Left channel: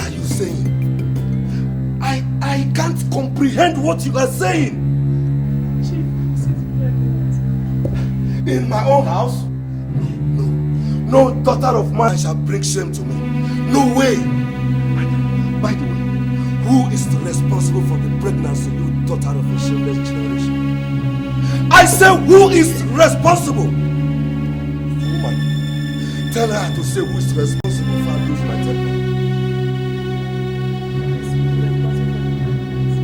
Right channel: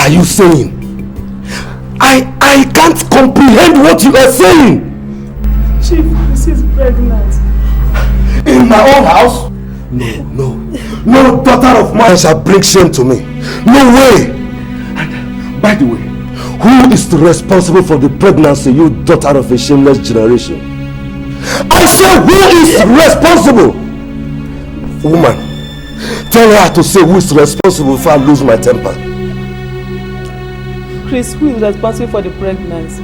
are you saying? I can't comprehend what you are saying. Chief, this is pregnant. In my own house? No daughter of mine shall bring shame to me. No way. And by the way, who is responsible for the pregnancy, you daughter of a shameless generation? I say, who is responsible? Woman, tell her to say who is responsible before I lose my temper. Chris, who is responsible for the pregnancy?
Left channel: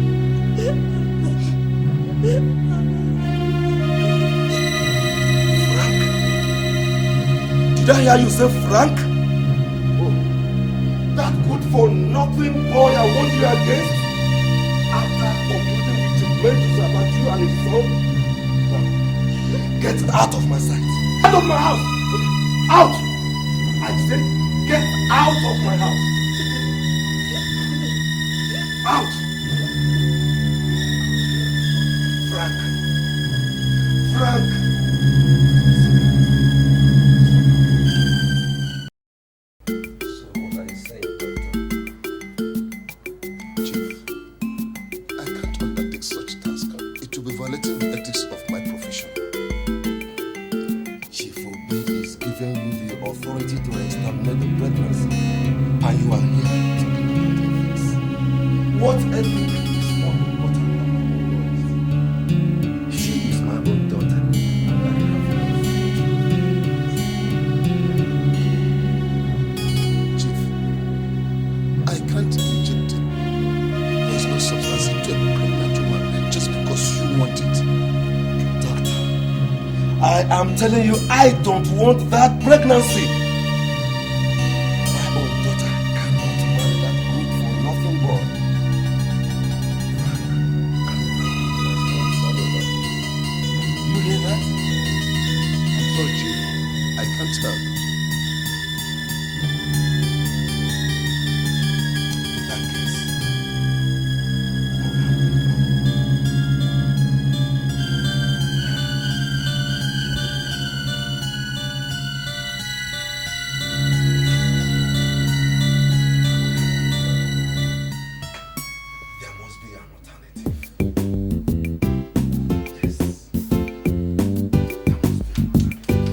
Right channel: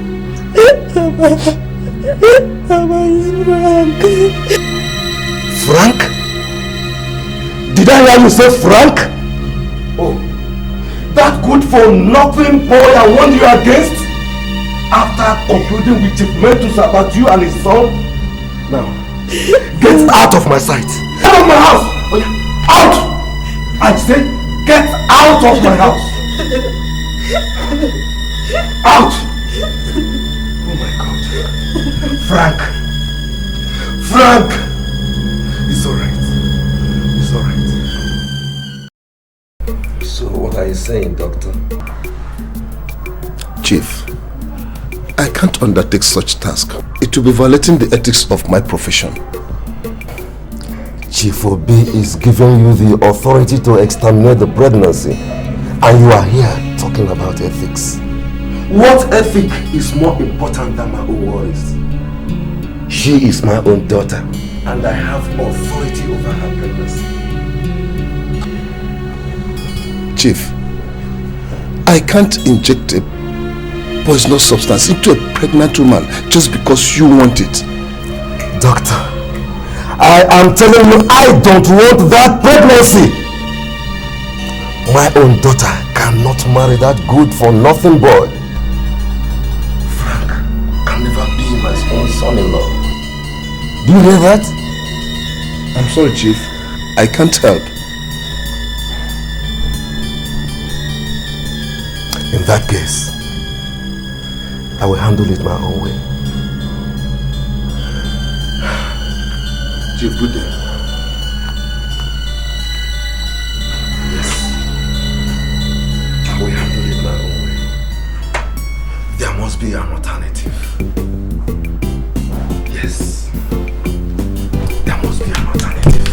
Frank? Did I hear you say Frank? Oh, that good for nothing boy I warned you against? After concluding with Chief Mentus about you and his son? Now, get out of my sight. Out of my house! Oh, yeah. Out! I say, get out of my house! Out! Oh my God. Frank! Frank! It's alright. It's alright. So what are you saying, Doctor? Chief, I can't undertake such task. It will be violating the ethics of my profession. Chief Obi is giving you the authority to exterminate the pregnancy, and you are here talking about ethics. What ethic is more important than my own words? She is my own daughter, and I have authority over her pregnancy. Chief, I can't inject a poisonous substance into a pregnant woman just because you want it. Doctor, I am telling you, I don't want that pregnancy. My own daughter cannot marry that good for nothing boy. Frank can never be my own son-in-law. Do you hear that? I'm sorry, Chief. I can't help. In that case, I will handle it my own way. Chief, good day. Yes. I will handle it my own way. There must be an alternative. Yes. There must be an alternative.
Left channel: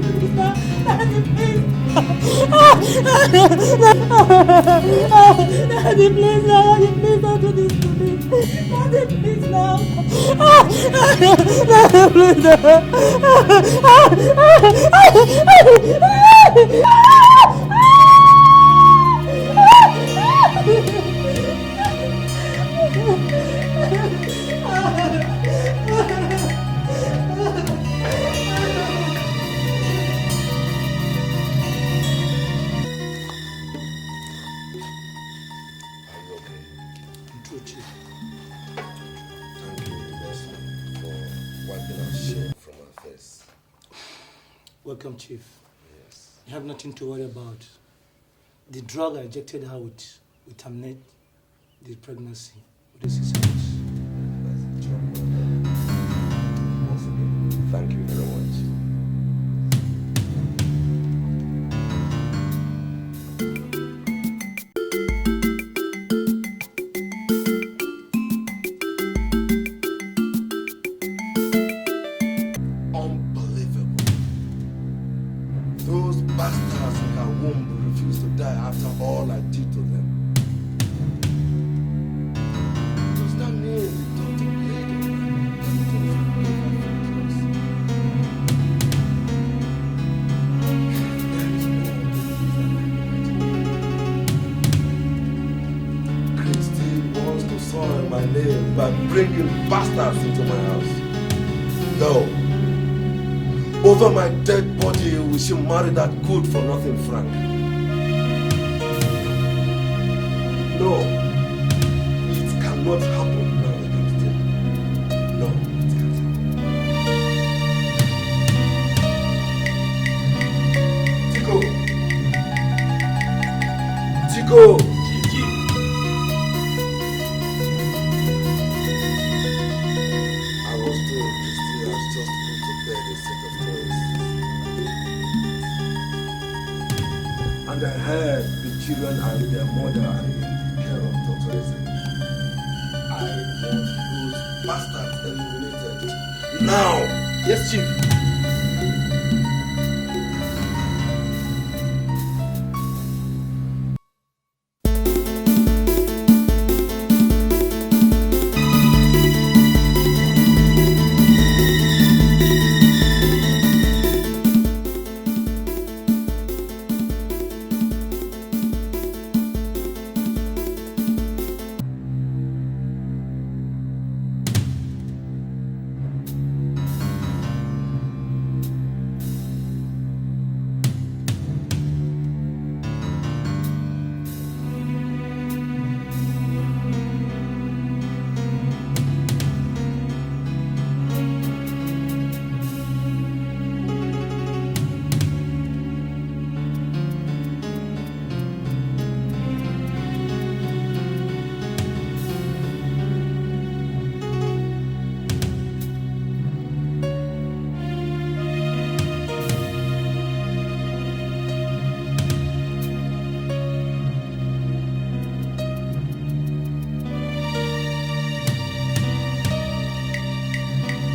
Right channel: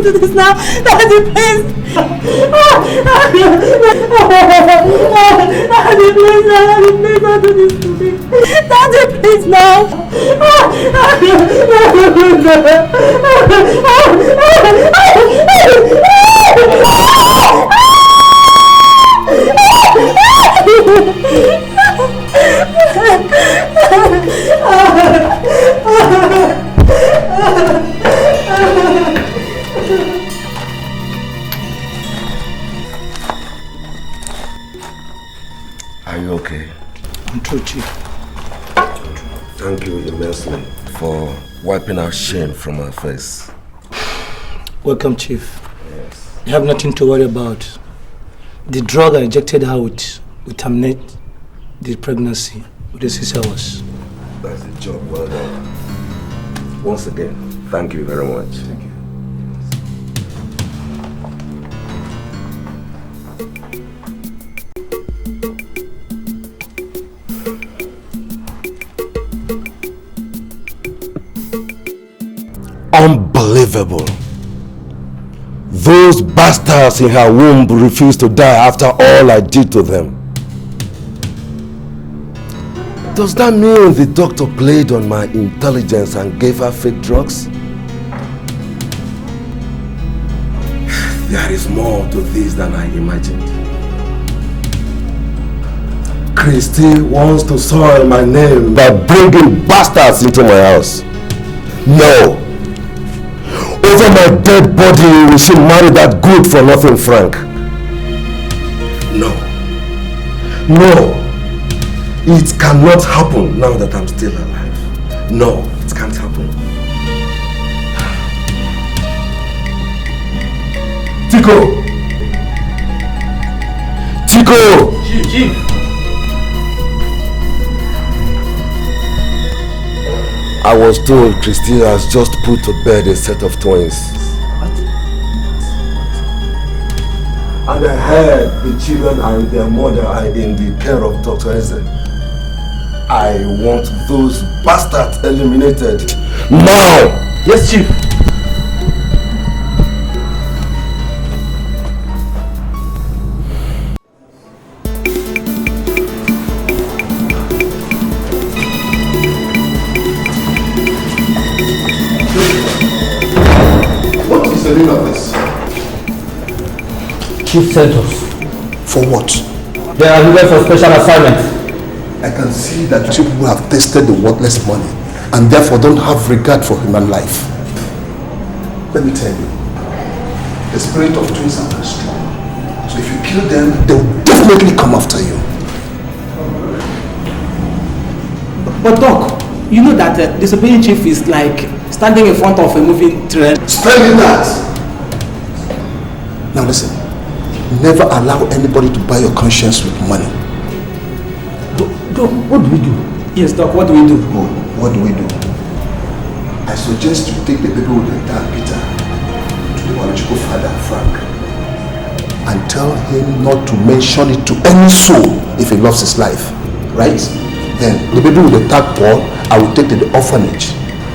Do this now. Daddy, please. Daddy, please. Daddy, please don't do this to me. Daddy, please now. Are you okay? I'm true, Chief. Thank you immensely for wiping out shame from our face. Welcome, Chief. Yes. You have nothing to worry about. The drug I injected her with will terminate the pregnancy within 6 hours. That's the job. Well done. Once again, thank you very much. Thank you. Unbelievable. Those bastards in her womb refused to die after all I did to them. Does that mean the doctor played on my intelligence and gave her fake drugs? There is more to this than I imagined. Christy wants to soil my name by bringing bastards into my house. No. Over my dead body, we should marry that good-for-nothing Frank. No. No. It cannot happen now that I'm still alive. No, it can't happen. Tico! Tico! Chief. I was told Christy has just put to bed a set of twins. And I heard the children and their mother are in the care of Dr. Eze. I want those bastards eliminated now! Yes, Chief. What is the name of this? Chief sent us. For what? They are here for special assignment. I can see that you people have tasted the worthless money and therefore don't have regard for human life. Let me tell you, the spirit of twins are very strong. So if you kill them, they will definitely come after you. But Doc, you know that disobeying chief is like standing in front of a moving train. Spending that! Now listen, never allow anybody to buy your conscience with money. Doc, what do we do? Yes, Doc, what do we do? Oh, what do we do? I suggest you take the paper with the dark Peter to the biological father, Frank, and tell him not to mention it to any soul if he loves his life, right? Then the baby with the tag Paul, I will take to the orphanage.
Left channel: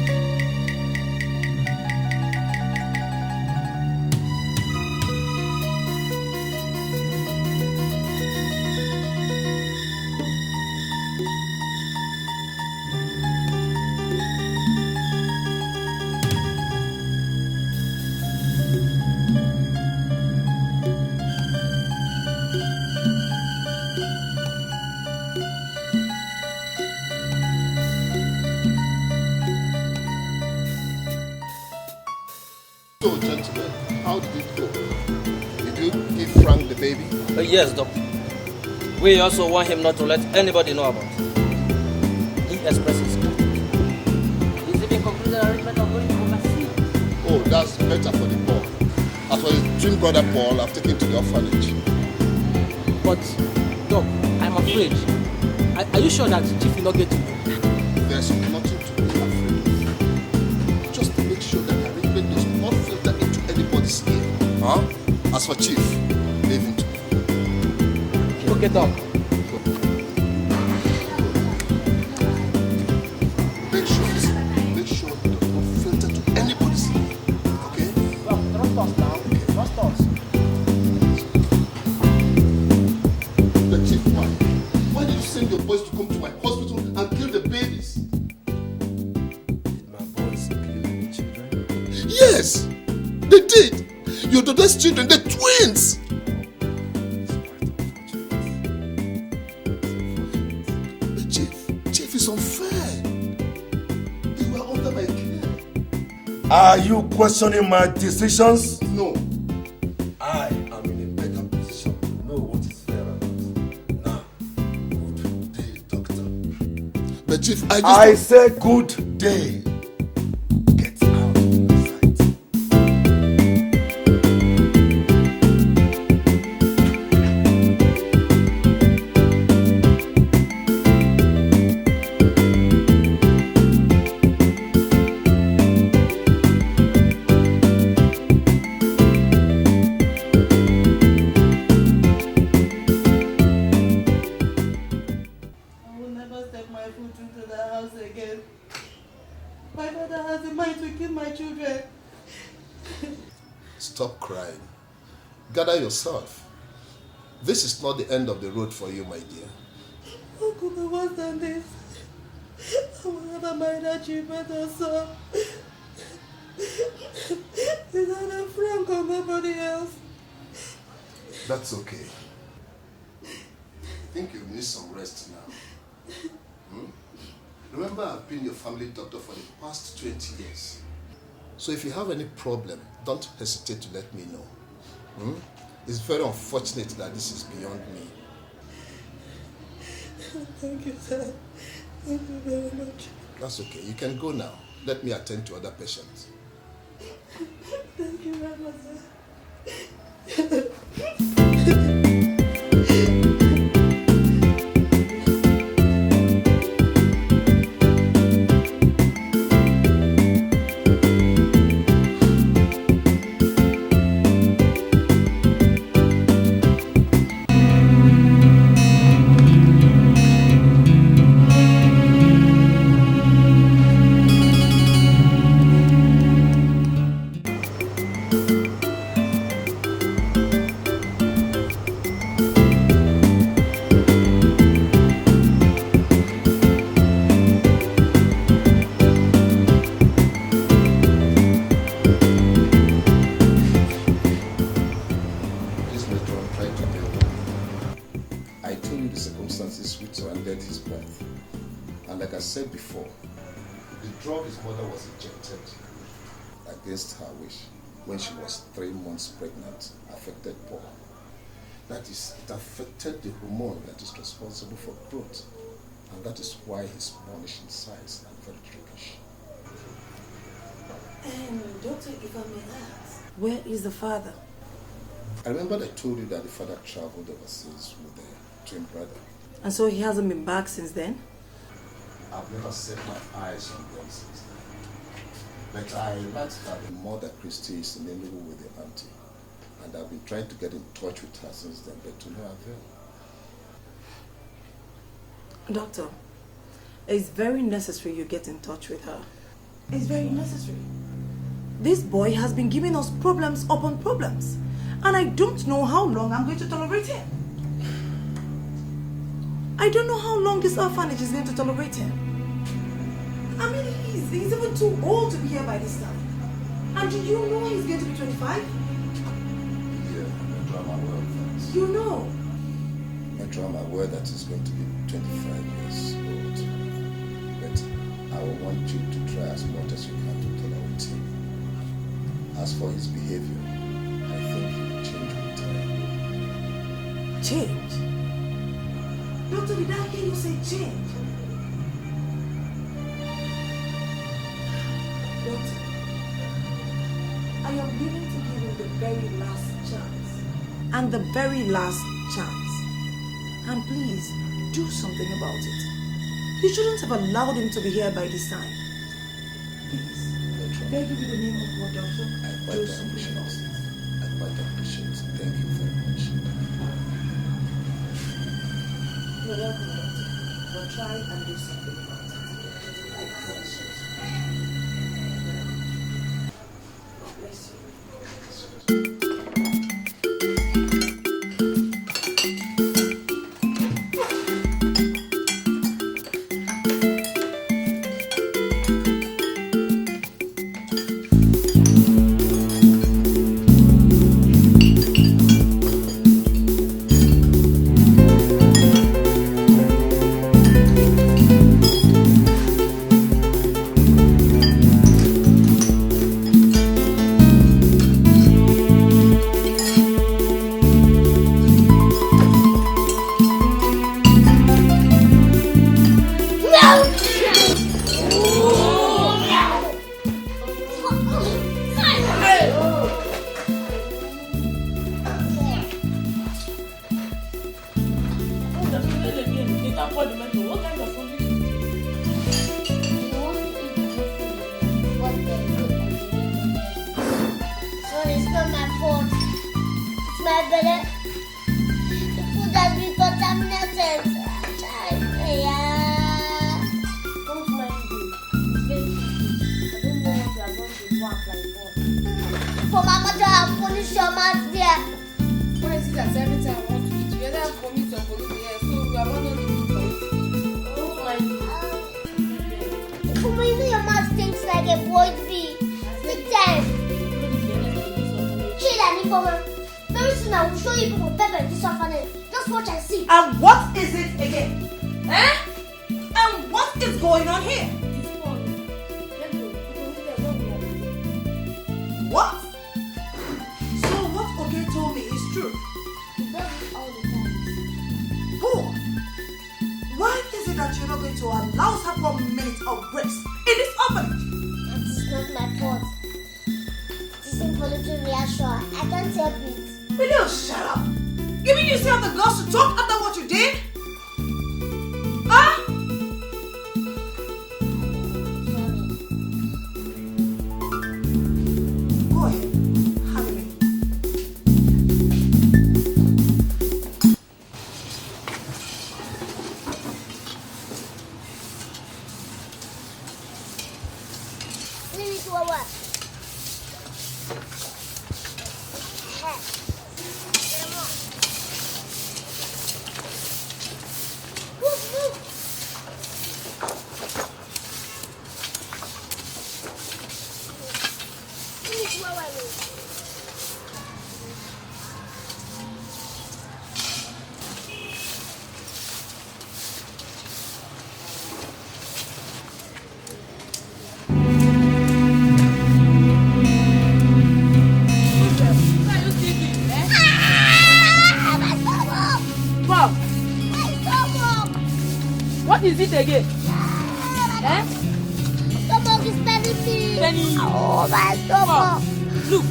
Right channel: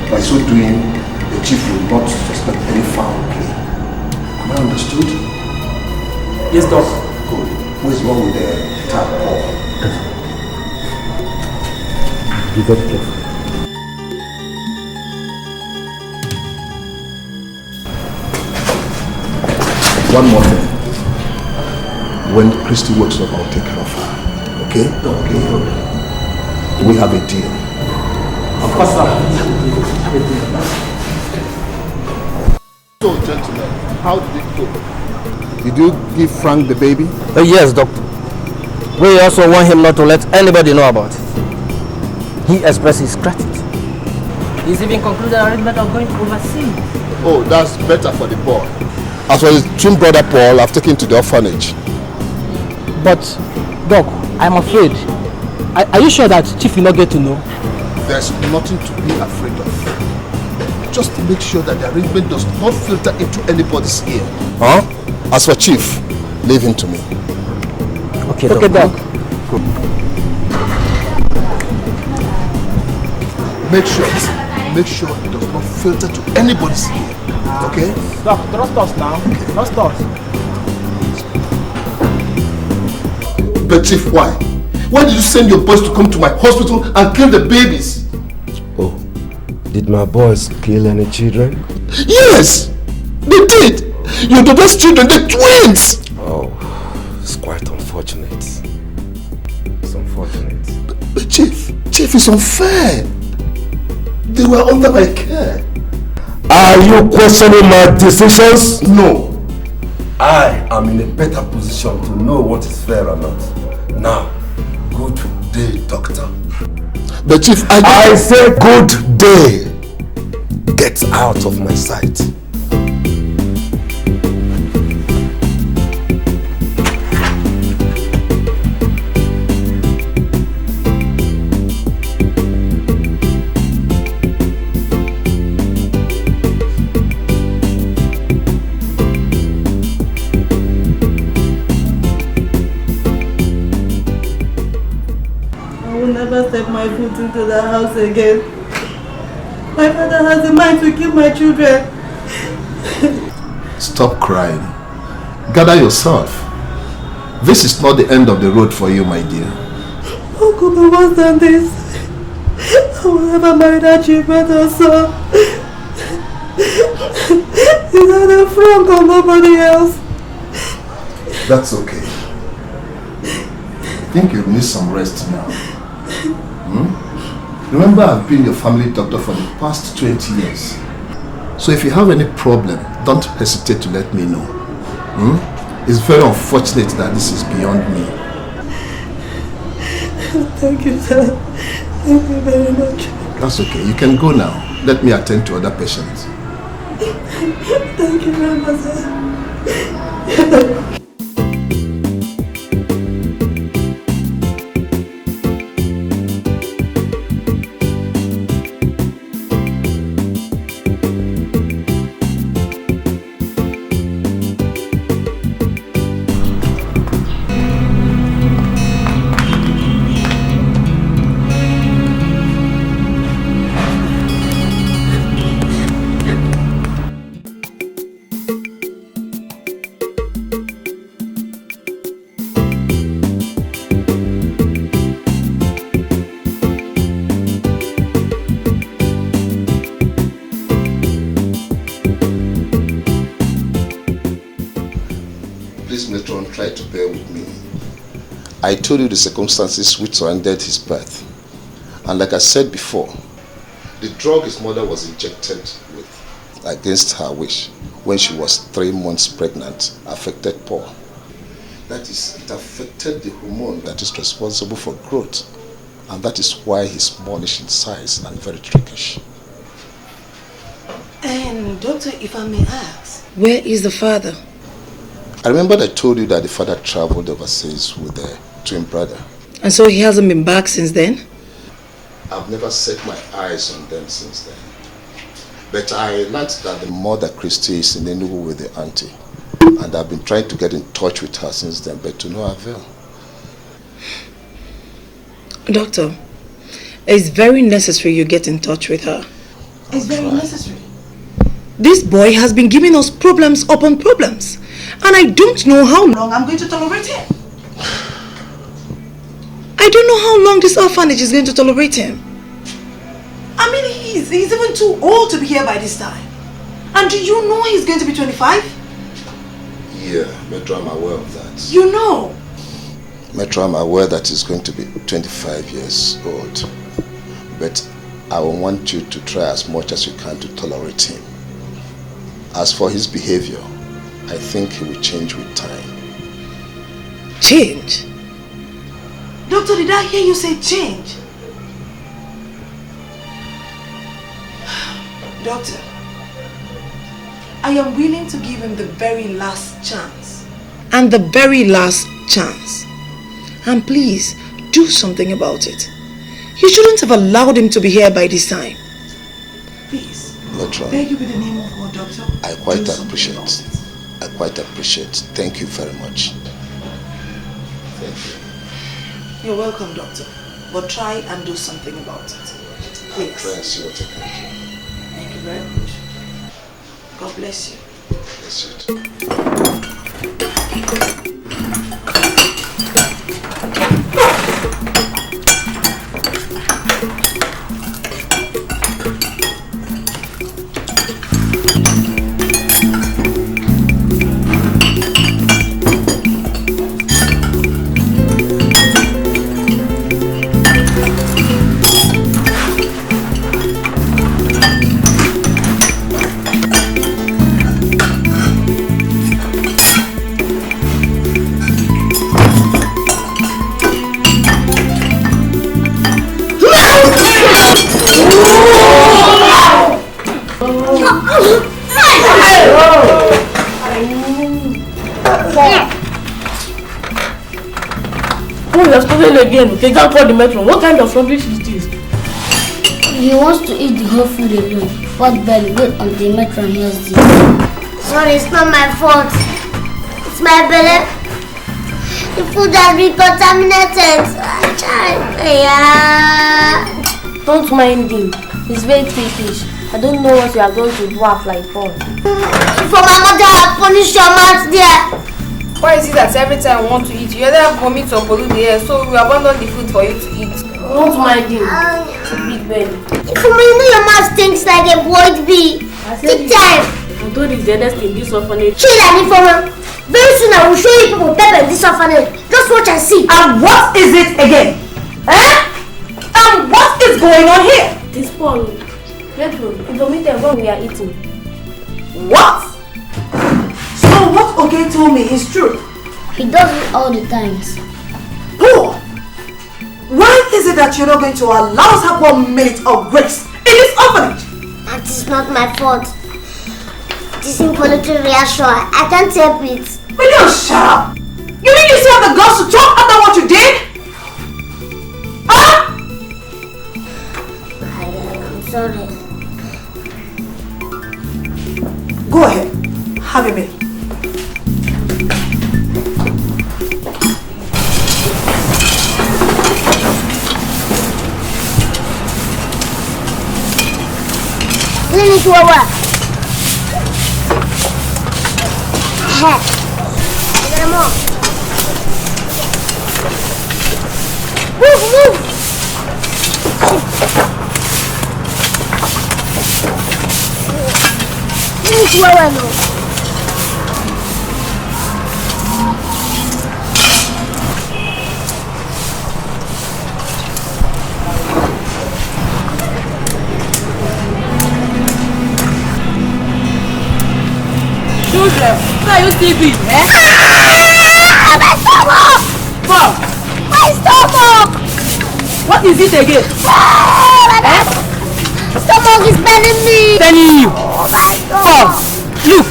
By so doing, the chief will not suspect any foul play. Am I understood? Yes, Doc. Good. Who is wrong with the tag Paul? You got it. One more thing. When Christy wakes up, I'll take care of her. Okay? Okay. We have a deal. Of course, sir. So, gentlemen, how did it go? Did you give Frank the baby? Yes, Doc. We also want him not to let anybody know about it. He expressed his gratitude. He's even concluded an arrangement of going to overseas. Oh, that's better for the boy. As for his twin brother Paul, I've taken him to the orphanage. But, Doc, I'm afraid. Are you sure that Chief will not get to know? There's nothing to be afraid of. Just make sure that the arrangement does not filter into anybody's ear. Huh? As for Chief, leave him to me. Okay, Okay, Doc. Make sure it does not filter to anybody's ear. Okay? Doc, trust us now. Trust us. But Chief, why? Why did you send your boys to come to my hospital and kill the babies? Oh, did my boys kill any children? Yes! They did! Your daughter's children, they're twins! Oh, it's quite unfortunate. It's unfortunate. But Chief, it's unfair. They were under my care. Are you questioning my decisions? No. I am in a better position to know what is fair or not. Now, good day, doctor. But Chief, I say good day. Get out of my sight. Into the house again. My father has a mind to kill my children. Stop crying. Gather yourself. This is not the end of the road for you, my dear. How could be worse than this? I will never marry that chief brother, sir. He's either Frank or nobody else. That's okay. I think you need some rest now. Remember, I've been your family doctor for the past 20 years. So if you have any problem, don't hesitate to let me know. It's very unfortunate that this is beyond me. Thank you, sir. Thank you very much. That's okay. You can go now. Let me attend to other patients. Thank you very much, sir. I told you the circumstances which surrounded his birth. And like I said before, the drug his mother was injected with against her wish when she was 3 months pregnant affected Paul. That is, it affected the hormone that is responsible for growth. And that is why he's smallish in size and very trickish. And doctor, if I may ask, where is the father? I remember I told you that the father traveled overseas with the twin brother. And so he hasn't been back since then? I've never set my eyes on them since then. But I learned that the mother, Christy, is in Enugu with the auntie. And I've been trying to get in touch with her since then, but to no avail. Doctor, it's very necessary you get in touch with her. It's very necessary. This boy has been giving us problems upon problems. And I don't know how long I'm going to tolerate him. I don't know how long this orphanage is going to tolerate him. I mean, he's even too old to be here by this time. And do you know he's going to be 25? Yeah, Metro, I'm aware of that. You know? Metro, I'm aware that he's going to be 25 years old. But I will want you to try as much as you can to tolerate him. As for his behavior, I think he will change with time. Change? Doctor, did I hear you say change? Doctor, I am willing to give him the very last chance. And the very last chance. And please, do something about it. You shouldn't have allowed him to be here by this time. Please, Metro, beg you with the name of God, Doctor. I quite appreciate. Thank you very much. Thank you. You're welcome, Doctor. But try and do something about it. Please. Try and see what I can do. Thank you very much. God bless you. Bless you too. They can't call the metro. What kind of rubbish is this? He wants to eat the whole food alone. What belly? Wait until the metro hears this. Sorry, it's not my fault. It's my belly. The food has been contaminated. Don't mind him. He's very trickish. I don't know what you are going to do after I fall. For my mother, I'll punish your mouth there. Why is it that every time I want to eat, you either vomit or pollute the air, so we abandon the food for you to eat? Don't mind him. belly. If you know your mouth stinks like a void bee. Take time. I told you the eldest in this orphanage. Chill and informer. Very soon I will show you people pepper in this orphanage. Just watch and see. And what is it again? And what is going on here? This Paul. Metro, he vomited when we are eating. What? So what Oge told me is true? He does it all the times. Paul, why is it that you're not going to allow us have 1 minute of grace in this orphanage? And it's not my fault. It is involuntary reaction. I can't help it. Will you shut up? You mean you still have the guts to talk after what you did? Huh? I'm sorry. Go ahead. Have a minute. Clean it over. Get him off. Move. Clean it over. What are you still doing, eh? My stomach! What? My stomach! What is it again? Stomach is paining me! Paining you? Oh my God! Paul, look,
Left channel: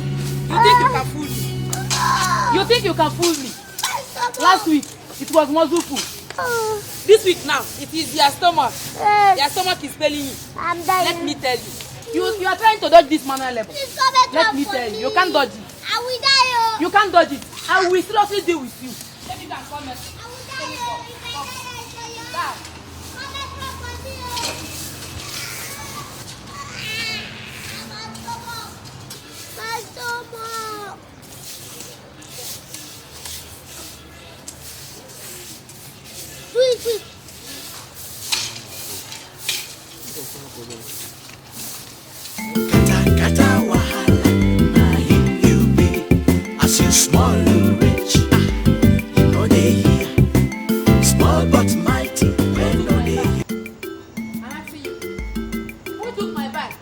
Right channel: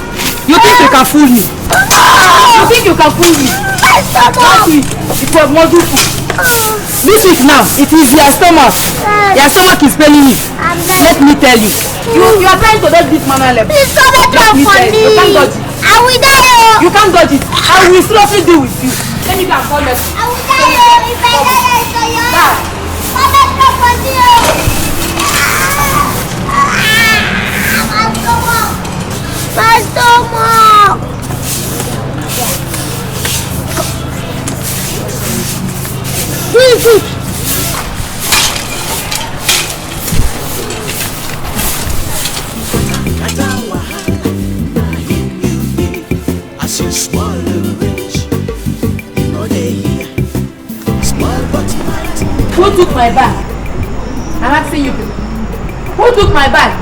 you think you can fool me? You think you can fool me? My stomach! Last week, it was wonderful. This week now, it is your stomach. Your stomach is paining me. Let me tell you. You are trying to dodge this man left. Please stop it from funny. You can't dodge it. I will die. You can't dodge it. I will seriously deal with you. Let me go and call you. I will die. If I die, it's for you. Mama, stop funny. My stomach. Please. As you small or rich, you know they hear. Small but mighty. Who took my bag? I'm asking you. Who took my bag?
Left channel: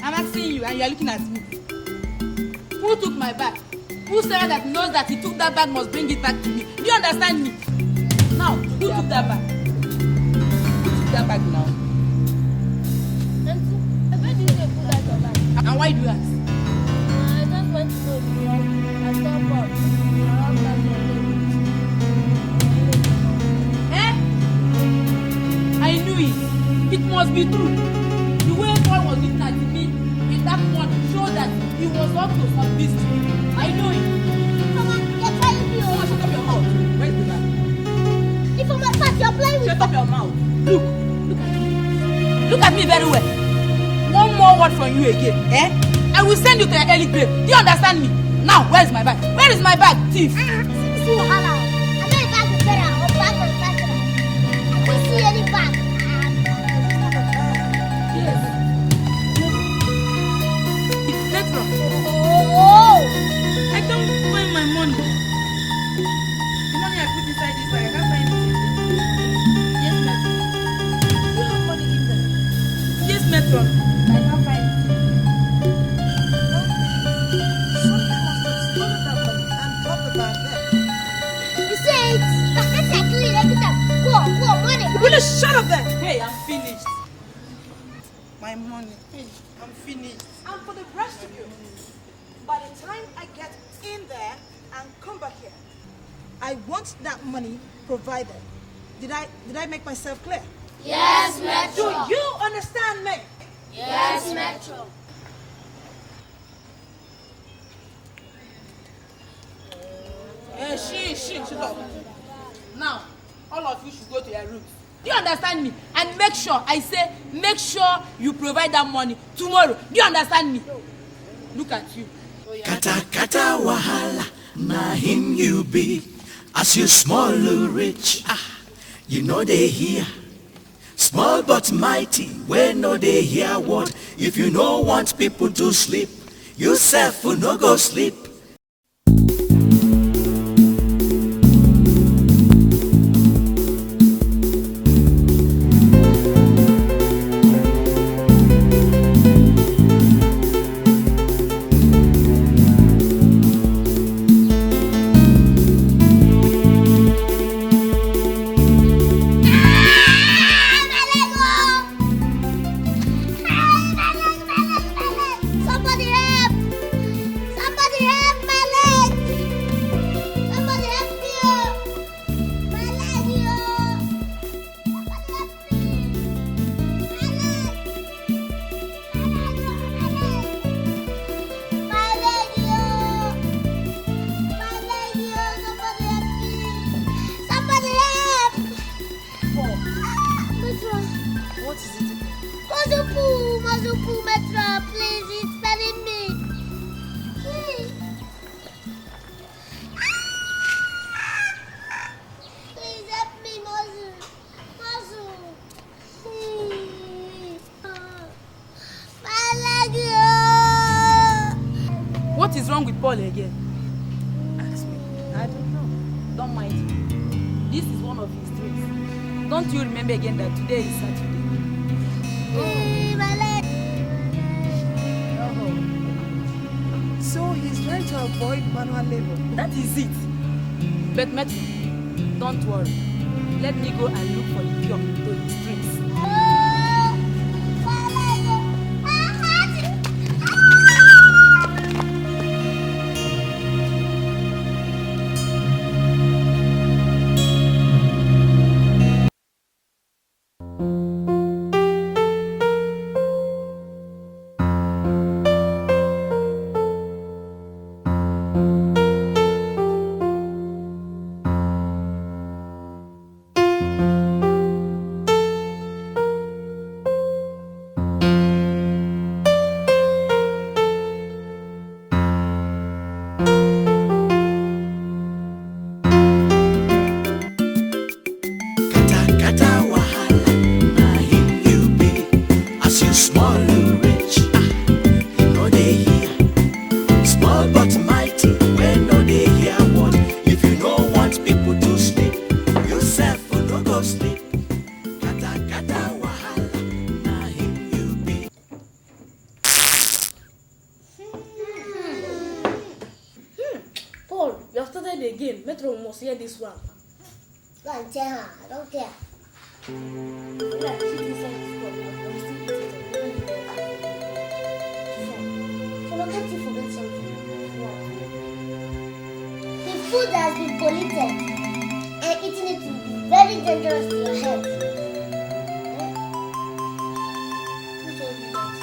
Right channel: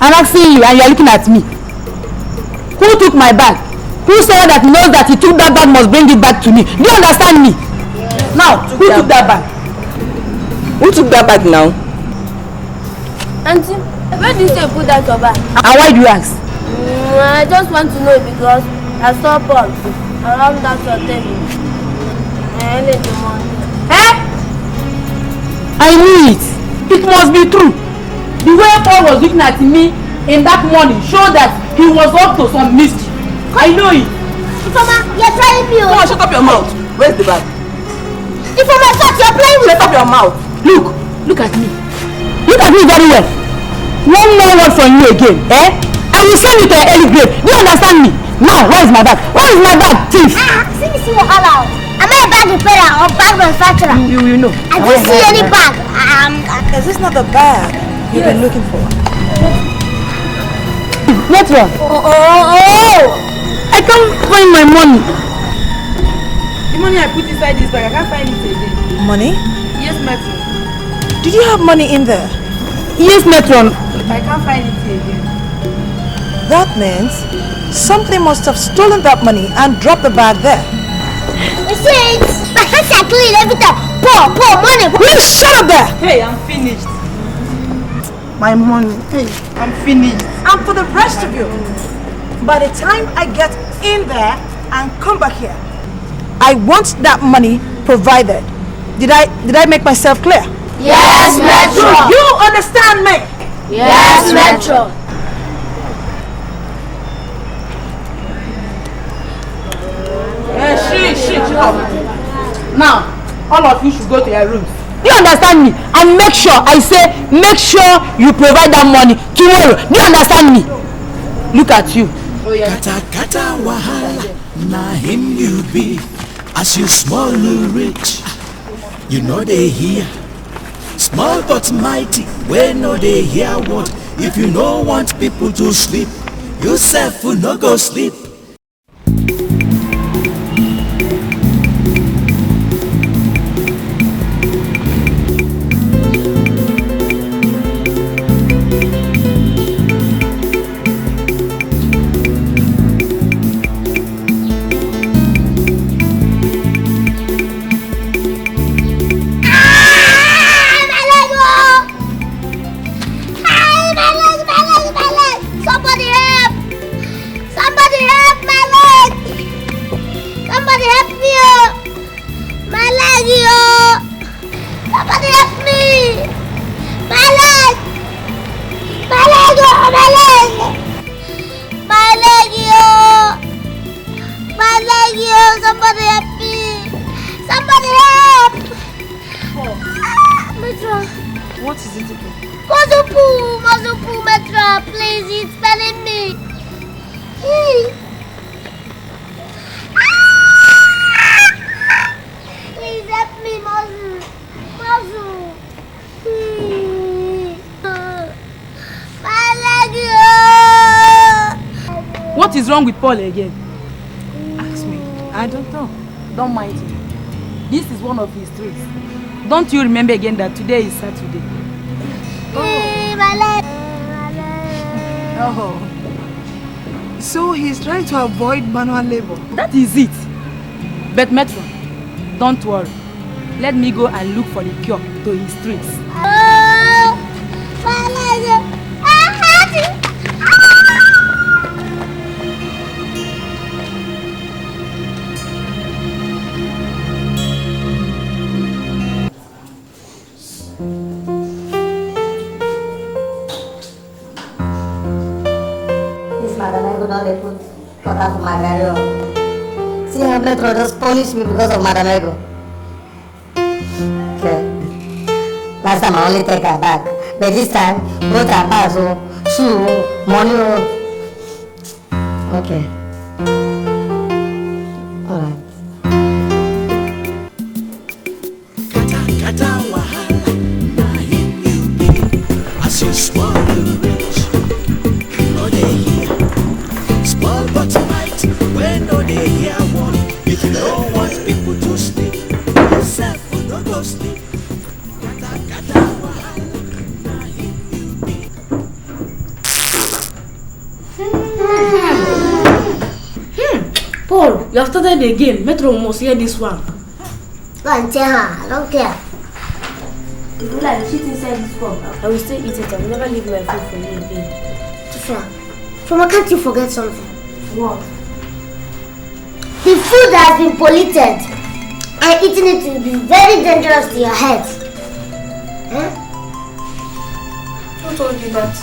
I'm asking you and you're looking at me. Who took my bag? Who someone that knows that he took that bag must bring it back to me? Do you understand me? Now, who took that bag? Who took that bag now? Auntie, where did you say put that your bag? And why do you ask? I just want to know because I saw Paul around that your table. I need the money. Eh? I knew it. It must be true. The way Paul was looking at me in that morning showed that he was up to some mischief. I know it. Mama, you're trying me. Come on, shut up your mouth. Where's the bag? If I'm a shot, you're playing with. Shut up your mouth. Look at me. Look at me very well. One more word from you again, eh? I will send you to an early grave. Do you understand me? Now, where is my bag? Where is my bag, thief? See what allow. Am I a bag repairer or bag manufacturer? You know. I don't see any bag. Is this not the bag you've been looking for? What one? Oh! I can't find my money. The money I put inside this bag, I can't find it again. Money? Yes, Metron. Did you have money in there? Yes, Metron. I can't find it again. That means something must have stolen that money and dropped the bag there. You see, my hands are clean every time. Pour money. Will you shut up there? Hey, I'm finished. My money. Hey, I'm finished. And for the rest of you, by the time I get in there and come back here, I want that money provided. Did I make myself clear? Yes, Metro. You understand me? Yes, Metro. Now, all of you should go to your rooms. Do you understand me? And make sure, I say, make sure you provide that money tomorrow. Do you understand me? Look at you. Kata wahala, na him you be. As you small or rich, you know they hear. Small but mighty, we no dey hear word. If you no want people to sleep, you sef will no go sleep. What is wrong with Paul again? Ask me. I don't know. Don't mind him. This is one of his tricks. Don't you remember again that today is Saturday? Oh. So he's trying to avoid manual labor. That is it. But Metro, don't worry. Let me go and look for the cure to his tricks. Just punish me because of Madam Ego. Okay. Last time I only take her back. But this time, both her pass, shoe, money. Okay. Alright. Kata wahala, na him you be. As you small, you rich. No dey here. Small but mighty, when no dey here one. If you don't want people to sleep, yourself will not go sleep. Kata wahala, na him you be. Paul, you have started again. Metro must hear this one. Go and tell her, I don't care. If you like shit inside this cup, I will still eat it. I will never leave my food for you again. Tifra, can't you forget something? What? The food has been polluted, and eating it will be very dangerous to your health. Who told you that?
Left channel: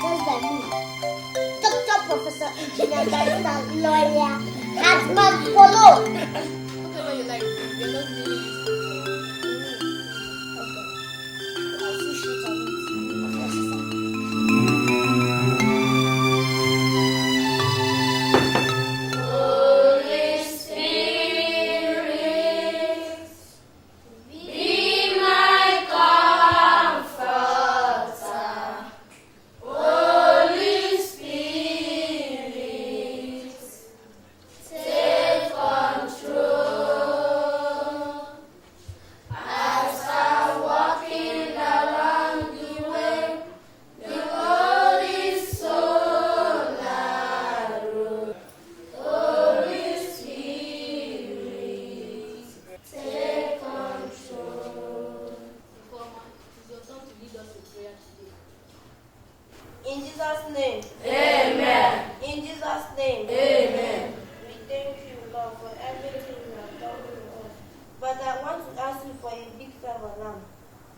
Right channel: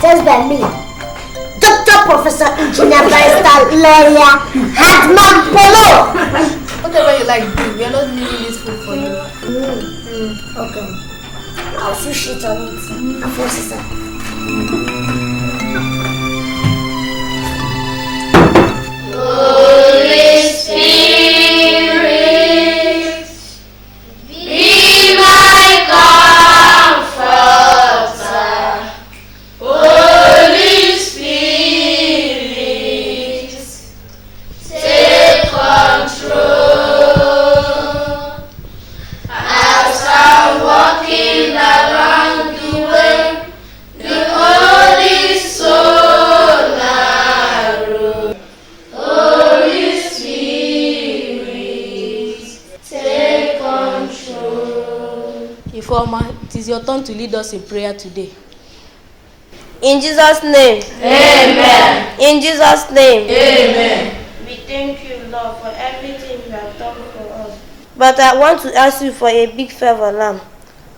Just by me. Doctor, Professor, Engineer, Barrister, Lawyer, Hadman Polo. Whatever you like, we are not leaving this food for you. Okay. I'll see shit on it. I'll force it. Holy Spirit, be my comforter. Holy Spirit, take control. As I'm walking around the way, the Holy Soul narrow. Holy Spirit, take control. Informer, it is your turn to lead us in prayer today. In Jesus' name. Amen. In Jesus' name. Amen. We thank you, Lord, for everything you have done for us. But I want to ask you for a big favor now.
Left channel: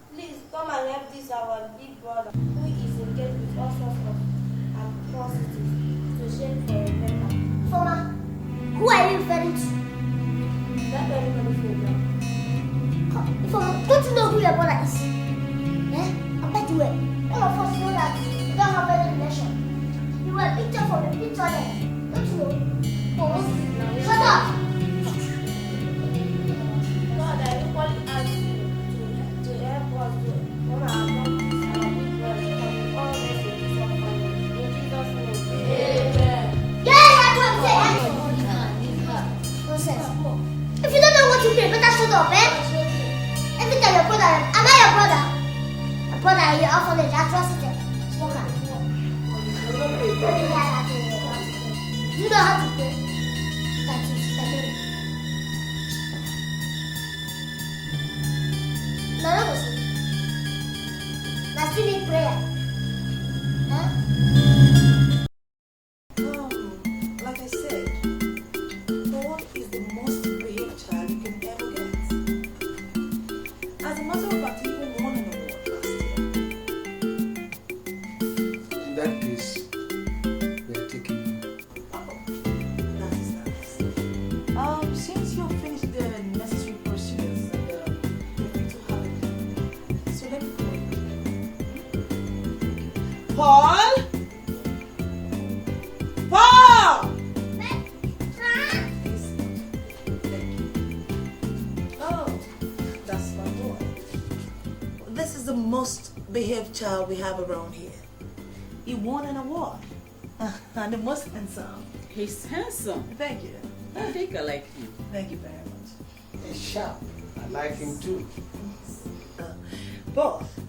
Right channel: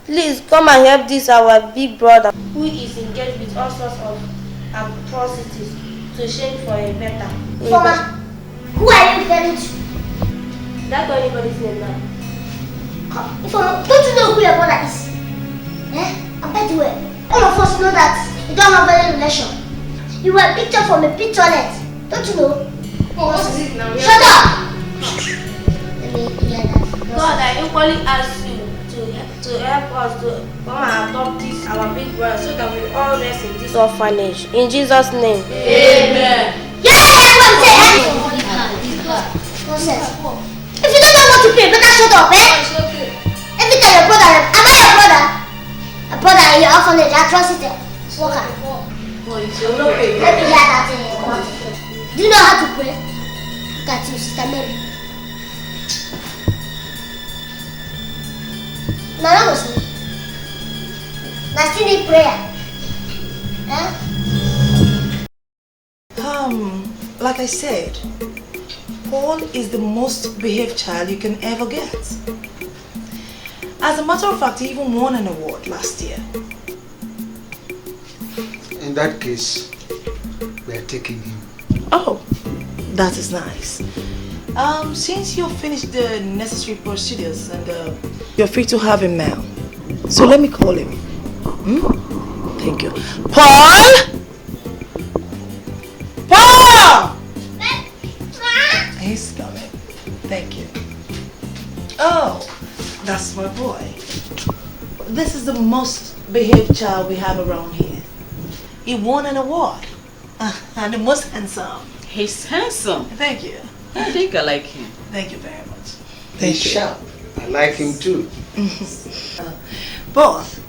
Please come and help this our big brother who is engaged with all sorts of atrocities to change for a better. Former, who are you referring to? That's not anybody's name now. Former, don't you know who your brother is? And by the way, all of us know that you don't have any relation. You were a picture from a picturelet. Don't you know? Oh, what is it now? Shut up! God, I equally ask you to to help us to come and adopt this our big brother so that we all rest in this orphanage. In Jesus' name. Amen. Nonsense. If you don't know what to pray, better shut up, eh? Every time your brother, am I your brother? A brother in your orphanage, atrocity. Smoker. Let me hear that thing. Do you know how to pray? Got you, Sister Mary. Now you must sleep. Now still need prayer. Huh? Like I said, Paul is the most behaved child you can ever get. As a matter of fact, he even won an award last year. In that case, we are taking him. Oh, that is nice. Since you've finished the necessary procedures and you're free to have him now. So let me call him. Thank you. Paul! Paul! He's coming. Thank you. Oh, that's my boy. This is the most behaved child we have around here. He won an award. And the most handsome. He's handsome. Thank you. I think I like him. Thank you very much. He's sharp. I like him too. Both.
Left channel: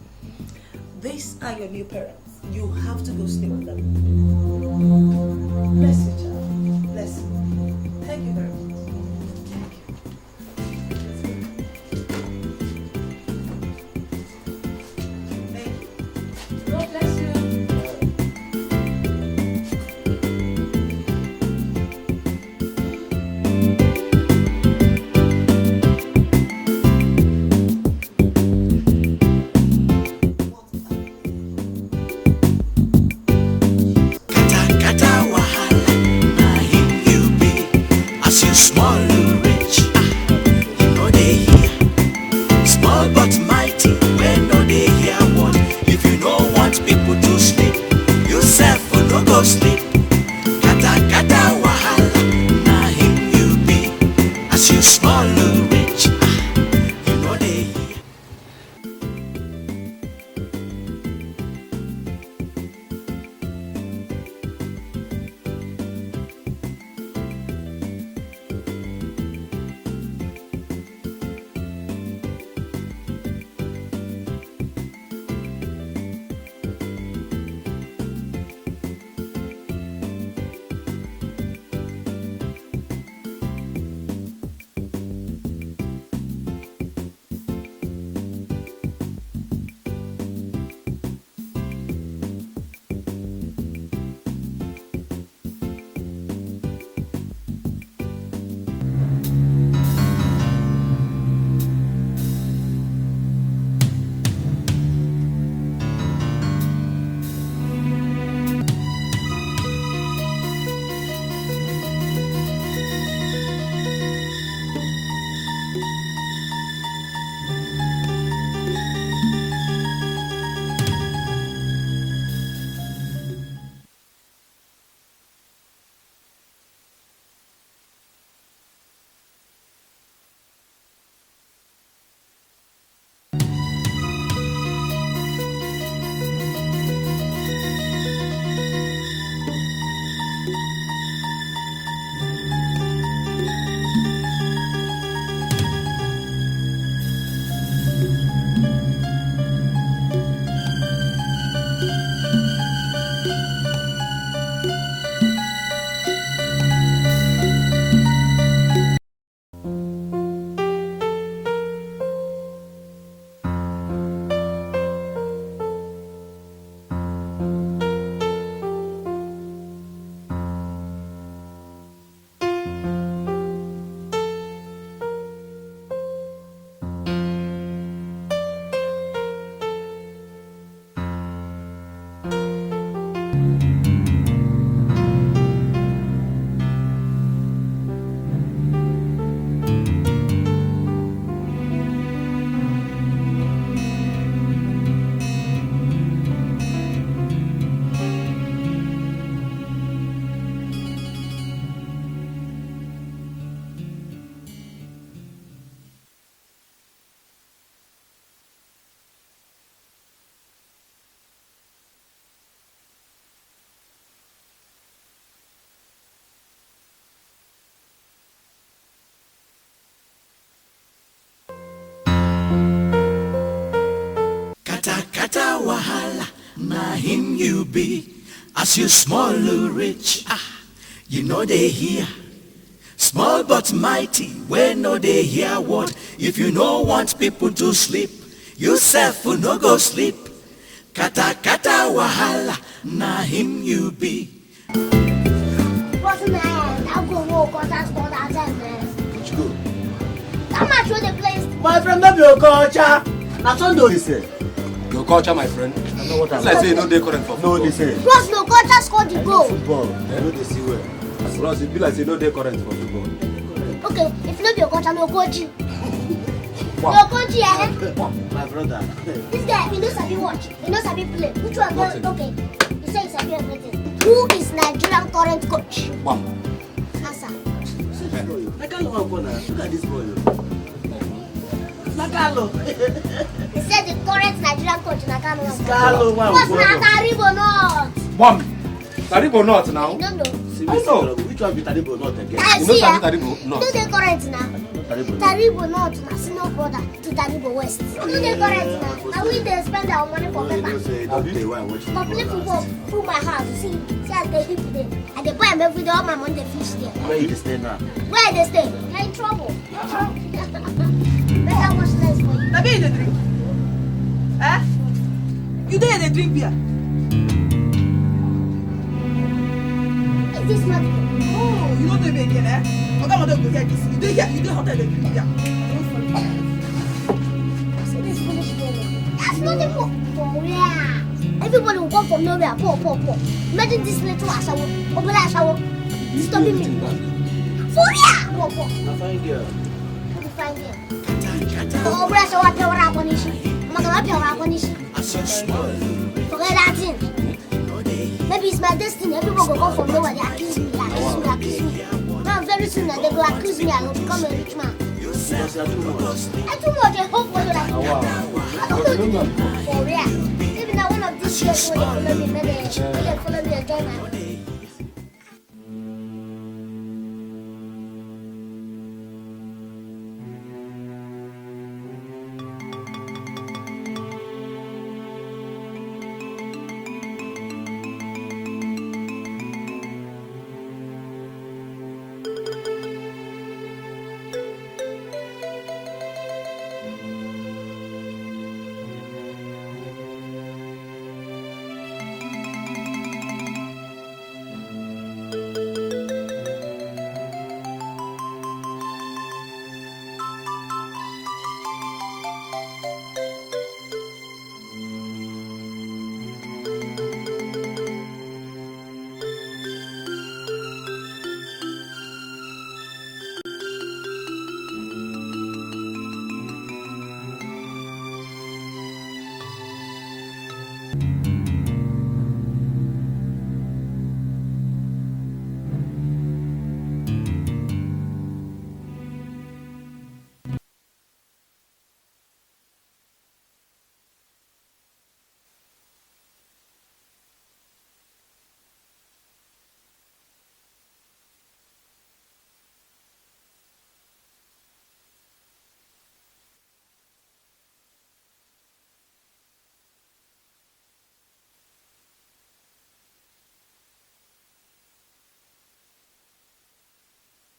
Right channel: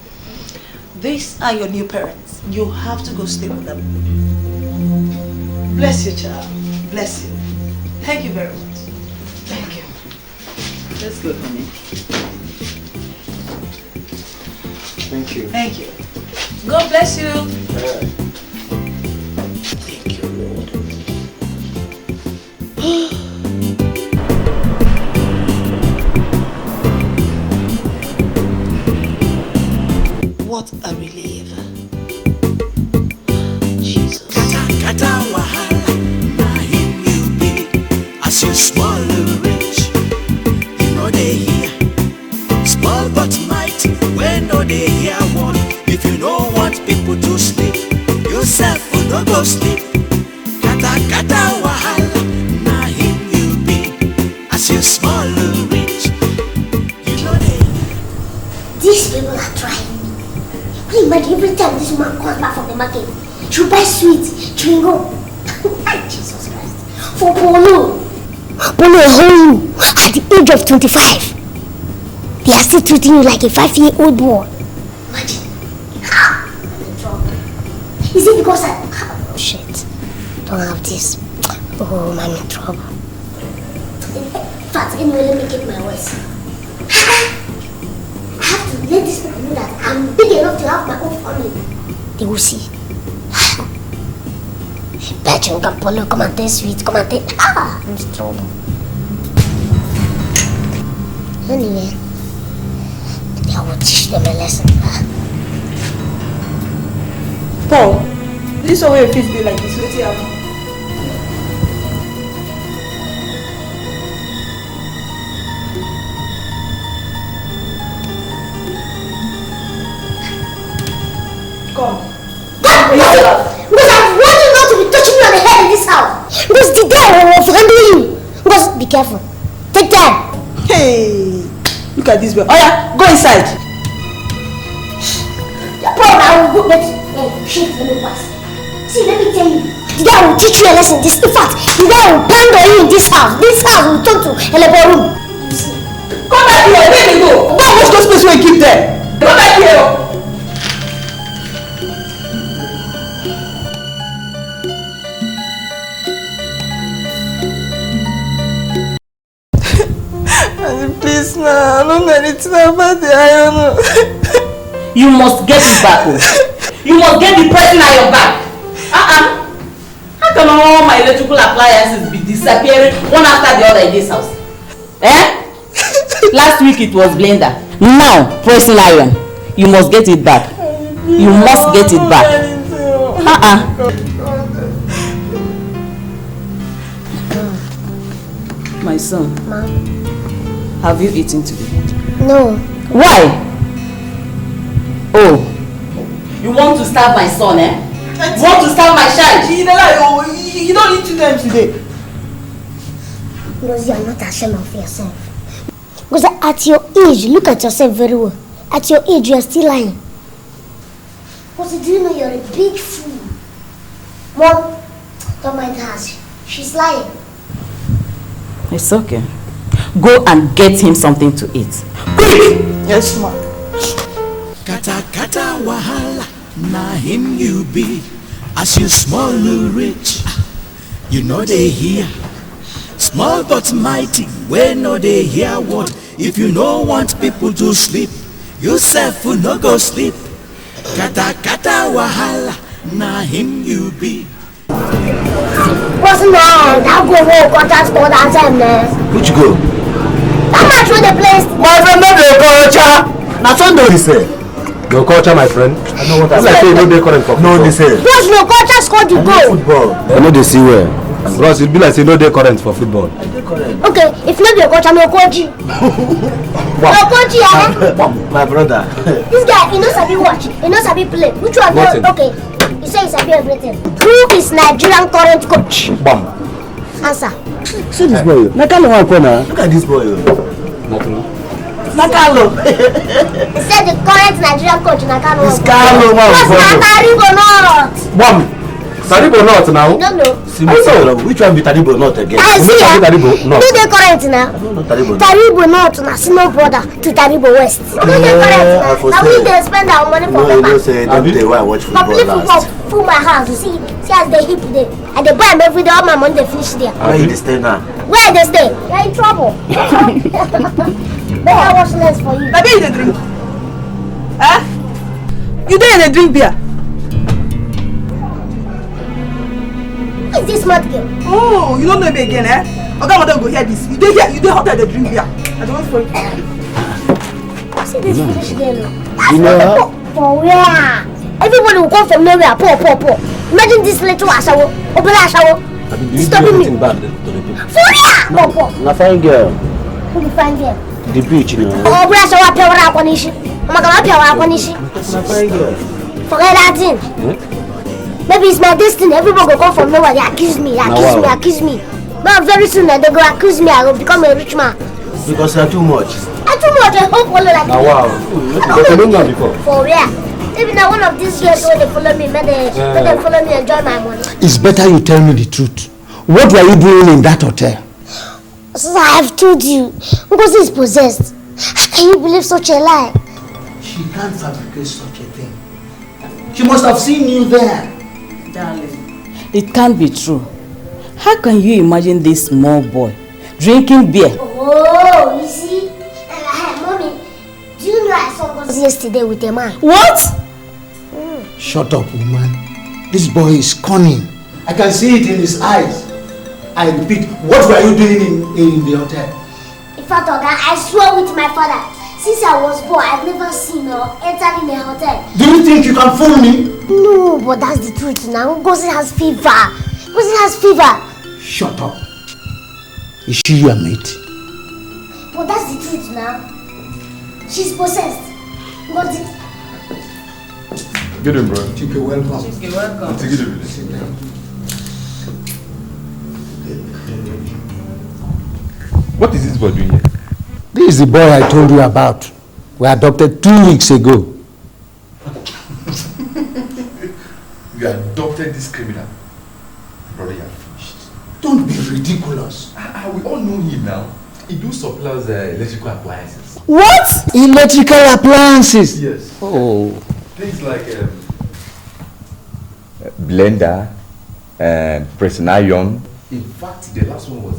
These are your new parents. You have to go stay with them. Bless you, child. Bless you. Thank you very much. Thank you. Let's go, honey. Thank you. Thank you. God bless you. What a relief. Jesus. Kata wahala, na him you be. As you small rich, you know they hear. Small but mighty, when no they hear one. If you don't want people to sleep, yourself will not go sleep. Kata wahala, na him you be. As you small rich, you know they hear. These people are trying. Imagine every time this man comes back from the market, she'll buy sweets, chewing gum. Jesus Christ. For Polo. Polo hold you at the age of 25. They are still treating you like a 5-year-old boy. Imagine. Is it because I... Oh shit. Don't have this. Oh, I'm in trouble. In fact, anyway, let me get my voice. I have to let these people know that I'm big enough to have my own family. They will see. Betcha, Polo, come and taste sweet, come and taste. I'm in trouble. Anyway, maybe I will teach them a lesson. Paul, this way your kids be like this. What's your Because I want you not to be touching me on the head in this house. Because the guy will handle you. Because be careful. Take time. Hey, look at this boy. Oh yeah, go inside. Paul, I will go let you shake the pass. See, let me tell you. The guy will teach you a lesson. This, in fact, the guy will pound on you in this house. This house will turn to a labor room. Come back here. Where you go? Don't watch those places where you keep them. Come back here. Please, now, I don't know anything about the iron. You must get it back. You must get the person at your back. How can all my electrical appliances be disappearing one after the other in this house? Eh? Last week it was blender. Now, pressing iron. You must get it back. You must get it back. My son. Mom. Have you eaten today? No. Why? Oh. You want to starve my son, eh? You want to starve my child? You don't eat 2 times today. Because you are not ashamed of yourself. Because at your age, look at yourself very well. At your age, you're still lying. Because do you know you're a big fool? Mom, don't mind her. She's lying. It's okay. Go and get him something to eat. Quick! Yes, ma'am. Kata kata wahala, na him you be. As you small rich, you know they hear. Small but mighty, when no they hear what. If you no want people to sleep, yourself will no go sleep. Kata kata wahala, na him you be. What's the man? I'll go home, contact score that time, man. Which go? How much will they place? My friend, not the culture. Now, Tondo, he said. No culture, my friend. I know what I'm saying. No, they current for football. No, they say. Because no culture scored the goal. Football. I know they see where. Bros, it be like say no they current for football. Okay, if not your coach, I'm your coach. Your coach, yeah? My brother. This guy, he knows how to watch. He knows how to play. Which one? Okay. You say he's happy everything. Who is Nigerian current coach? Bam. Answer. See this boy. Nakano Wakona. Look at this boy. Nakano. He said the current Nigerian coach Nakano. It's Kano, man. What's Nataribo not? Bam. Taribo not now. No. Which one be Taribo not again? I see ya. Taribo not. No, they current now. Taribo not. Na small brother to Taribo West. No, they current now. Now we dey spend our money for paper. No, say don't tell why I watch football Complete last. football full my house. See as they hip there. And they buy them every day. All my money they finish there. Where you stay now? Where they stay? You're in trouble. May I wash less for you? Baby, you dey drink? Huh? You dey drink beer? Who is this mad girl? Oh, you don't know me again, eh? Okay, madam, go hear this. You dey here, you dey hotel, dey drink beer. I don't want to. See this finish there. You know how? For where? Everybody will come from nowhere. Poor. Imagine this little ashawo. Obula ashawo. Stopping me. For where? Poor. Na fine girl. Who the fine girl? The beach, you know. Obula ashawo apewara akwanishi. Omagama apewara akwanishi. Forget that thing. Maybe it's my destiny. Everybody will come from nowhere. They accuse me. But very soon they go accuse me. I will become a rich man. Because you're too much. I'm too much. I hope follow like Ah, wow. But you don't know before. For real. Even now one of these girls when they follow me, may they follow me enjoy my money. It's better you tell me the truth. What were you doing in that hotel? So I have told you. Because he's possessed. How can you believe such a lie? She can't fabricate such a thing. She must have seen you there. Darling, it can't be true. How can you imagine this small boy drinking beer? Oh, you see? Mommy, do you know I saw us yesterday with a man? What? Shut up, woman. This boy is cunning. I can see it in his eyes. I repeat, what were you doing in the hotel? In fact, Oga, I swear with my father, since I was born, I've never seen or entered in a hotel. Do you think you can fool me? No, but that's the truth now. Ngozi has fever. Shut up. Is she your mate? But that's the truth now. She's possessed. Ngozi. Get him, bro. You're welcome. You're welcome. Take it away. What is this boy doing here? This is the boy I told you about. We adopted 2 weeks ago. You adopted this criminal. Brother, you are finished. Don't be ridiculous. We all know him now. He do supplies electrical appliances. What? Electrical appliances? Yes. Oh. Things like blender and pressing iron. in fact, the last one was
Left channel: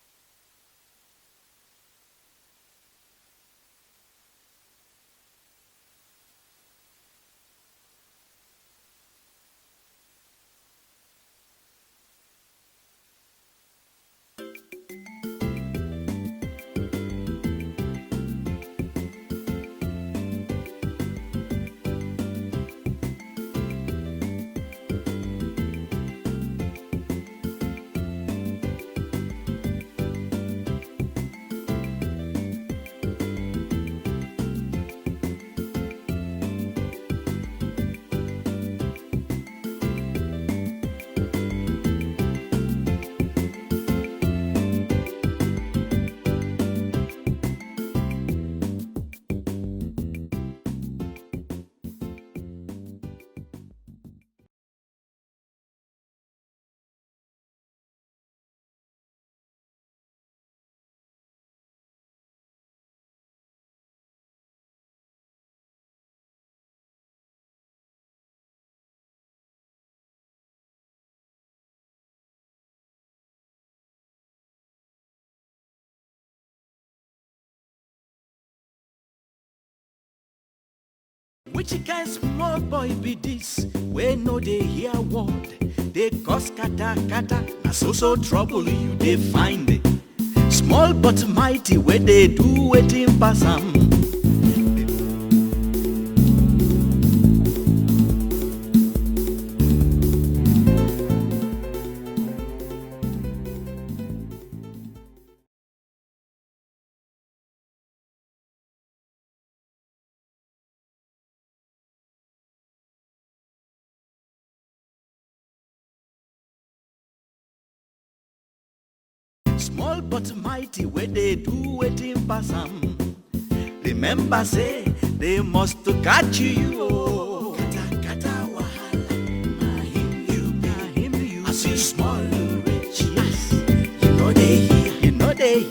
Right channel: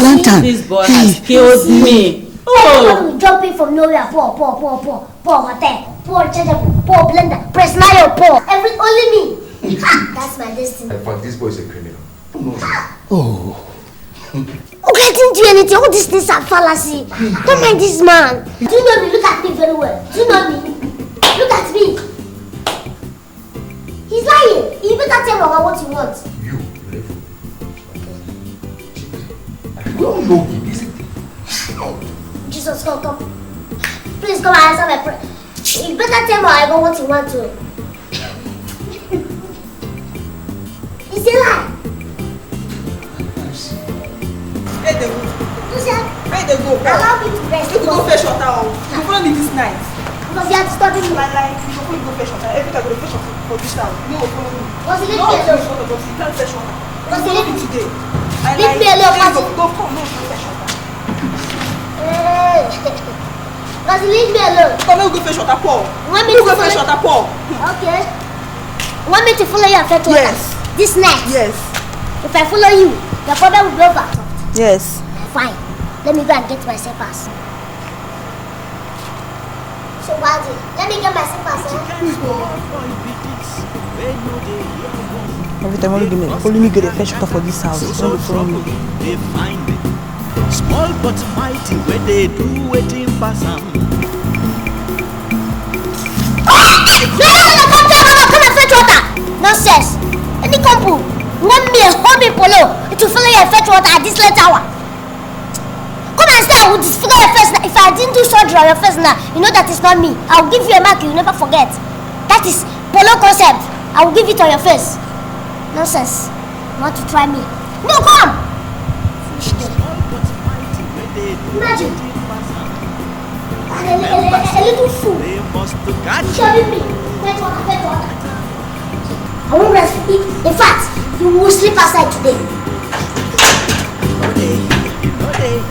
Lantern. This boy has killed me. Oh, jumping from nowhere. Poor hotel, poor chargeable, poor blender, press nail, poor. Only me. That's my destiny. In fact, this boy is a criminal. Oh. Okay, I didn't do anything. All these things are fallacy. Don't mind this man. Do you know me? Look at me very well. Do you know me? Look at me. He's lying. You better tell Mama what you want. We all know him, isn't it? Jesus, come. Please come and answer my prayer. You better tell Mama what you want to. It's a lie. Where they go? Allow me to rest. disturbing me? Like, you go fetch water. Every time I go fetch water for this town. No, follow me. Was it leave No, me alone? you can't fetch water. Was it leave me today? Leave me alone, Pasi. Go, come, no, you fetch water. Was it leave me alone? Come, go fetch water, Paul. Want me You to go follow fetch water, Paul. Okay. Want me to follow you and fetch water? Yes. This night? Yes. If I follow you, your father will be over. Yes. Fine. Let me go and get my slippers. So, Wadi, let me get my slippers. Which kind small boy be this? Where no they hear one. Every time I go, follow me, get a fetch water for this house. So trouble, they find it. Small but mighty, where they do waiting pass them. Come and fetch water. Nonsense. Any couple want me a hobby polo to follow you and fetch water at this late hour. Come and say I will disfigure your face. If I didn't do surgery on your face now, you know that it's not me. I will give you a mark you never forget. That is polo concept. I will give it on your face. Nonsense. You want to try me? No, come. Small but mighty, where they do waiting pass them. Remember, they must catch you. I won't breastfeed you. In fact, you will sleep outside today. You know they.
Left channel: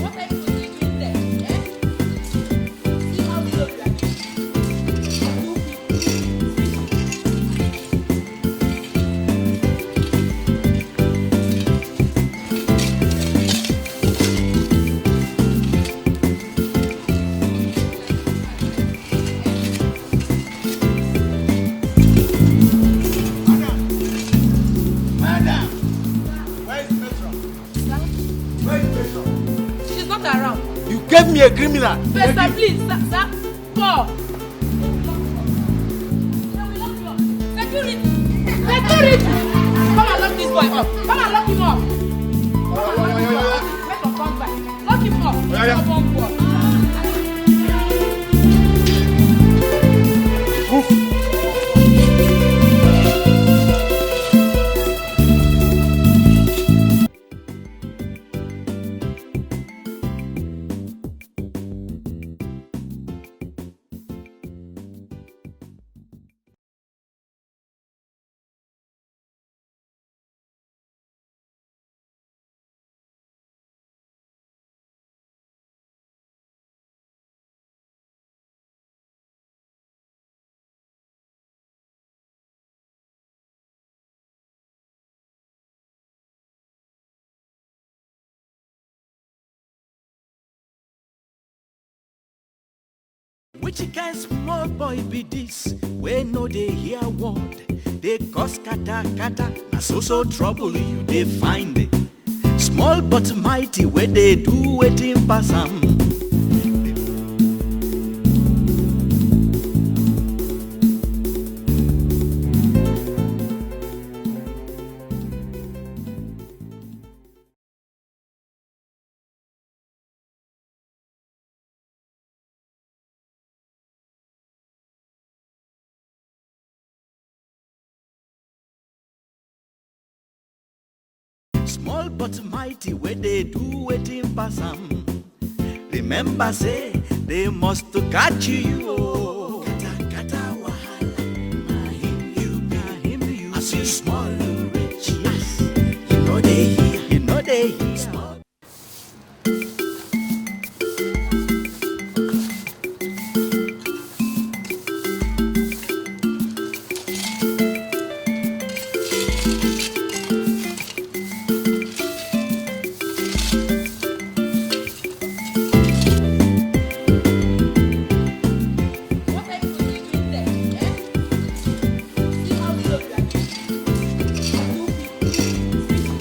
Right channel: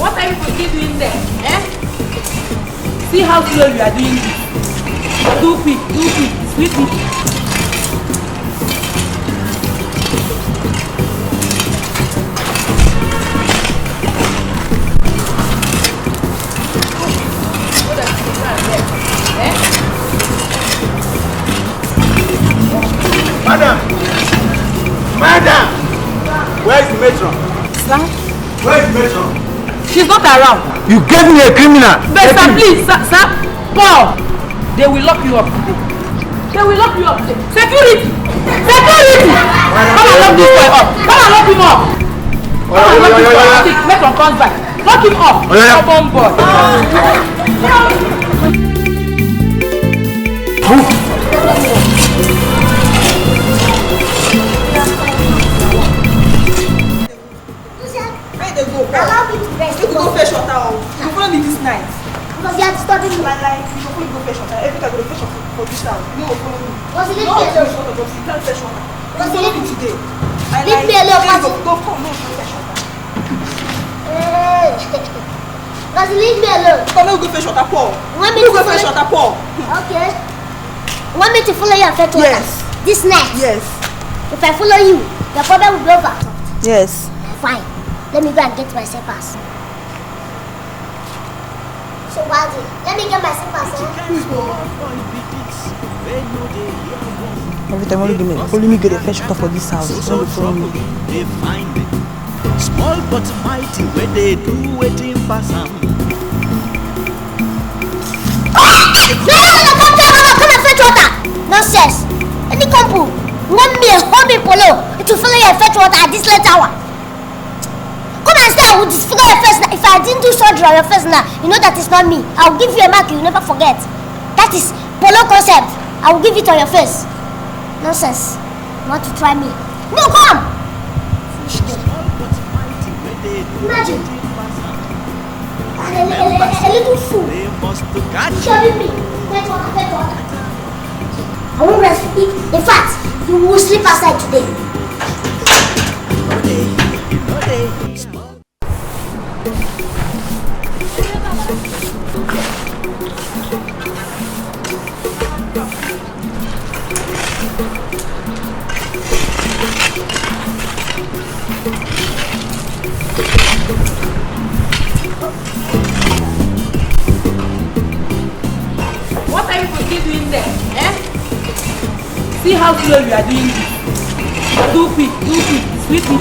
What are you doing there? Eh? See how slow you are doing it. Do quick, sweetly. Madam! Where is the matron? Sir? Where is the matron? She's not around. You gave me a criminal! But sir, please, sir, Paul! They will lock you up today. They will lock you up today. Security! Security! Come and lock this boy up! Come and lock him up! Come and lock this boy up! Matron comes back. Lock him up! Come on board. Allow me to rest. You go fetch water. You follow me this night. Because you are disturbing me. Like, you go fetch water. Every time I go fetch water for this town. No, follow me. Was it leave No, me alone? you can't fetch water. Was it Follow leave me today. Leave me alone, Pasi. Go, come, no, you fetch water. Was it leave me alone? Come, go fetch water, Paul. Want me You to go fetch follow- water, Paul. Okay. Want me to follow you and fetch water? Yes. This night? Yes. If I follow you, your father will be over. Yes. Fine. Let me go and get my slippers. So, Wadi, let me get my slippers. Which kind small boy be this? Where no they hear one. Every time I go, follow me, get a fetch water for this house. So trouble, they find it. Small but mighty, where they do waiting pass them. Come and fetch water. Nonsense. Any couple want me a hobby polo to follow you and fetch water at this late hour. Come and say I will disfigure your face now. If I didn't do surgery on your face now, you know that it's not me. I will give you a mark you never forget. That is polo concept. I will give it on your face. Nonsense. You want to try me? No, come. Small but mighty, where they do waiting pass them. Remember, they must catch you. I won't breastfeed. In fact, you will sleep outside today. You know they. What are you doing there? Eh? See how slow you are doing it. Do quick, sweetly.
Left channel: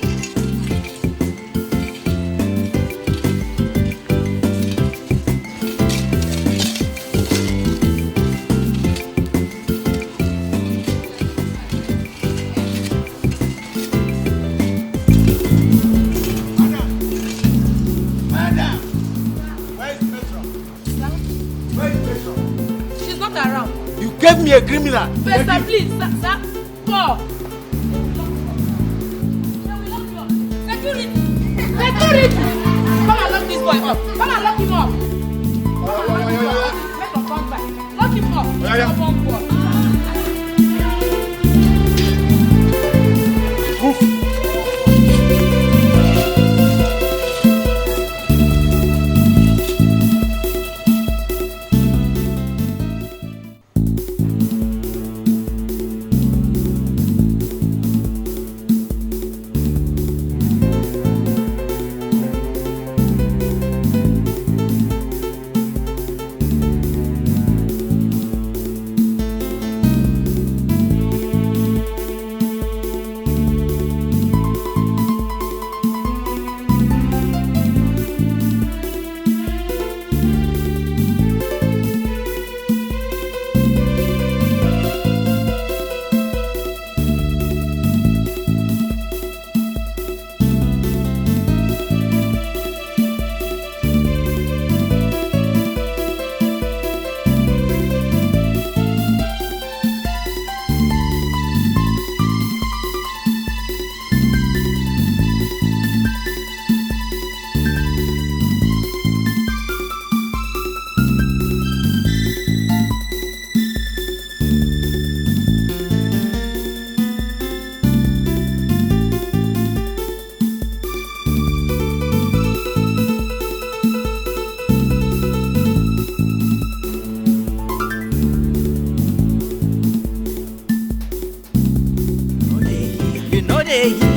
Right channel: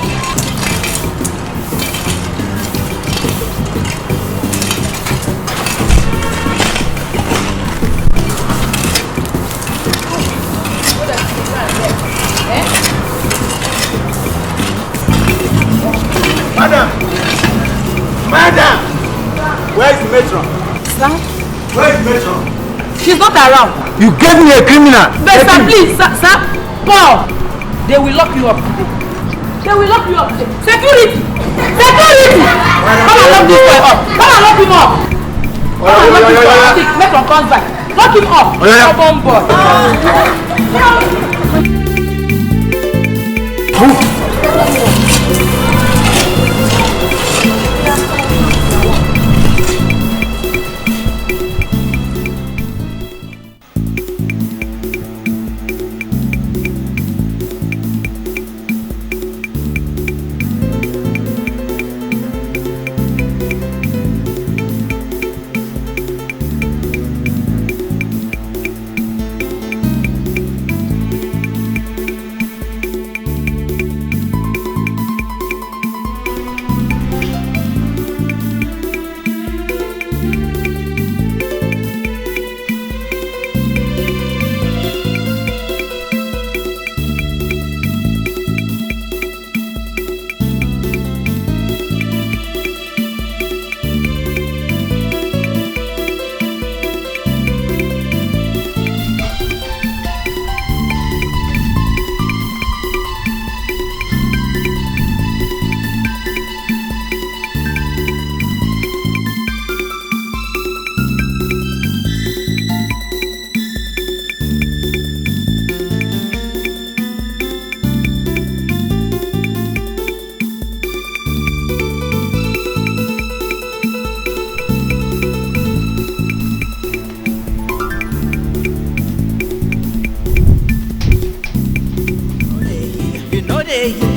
Madam! Where is Metron? She's not around. You gave me a criminal. But sir, please, sir, Paul, they will lock you up today. They will lock you up today. Security! Security! Come and lock this boy up. Come and lock him up. Come and lock this boy up. Metron comes back. Lock him up. Come on, boy.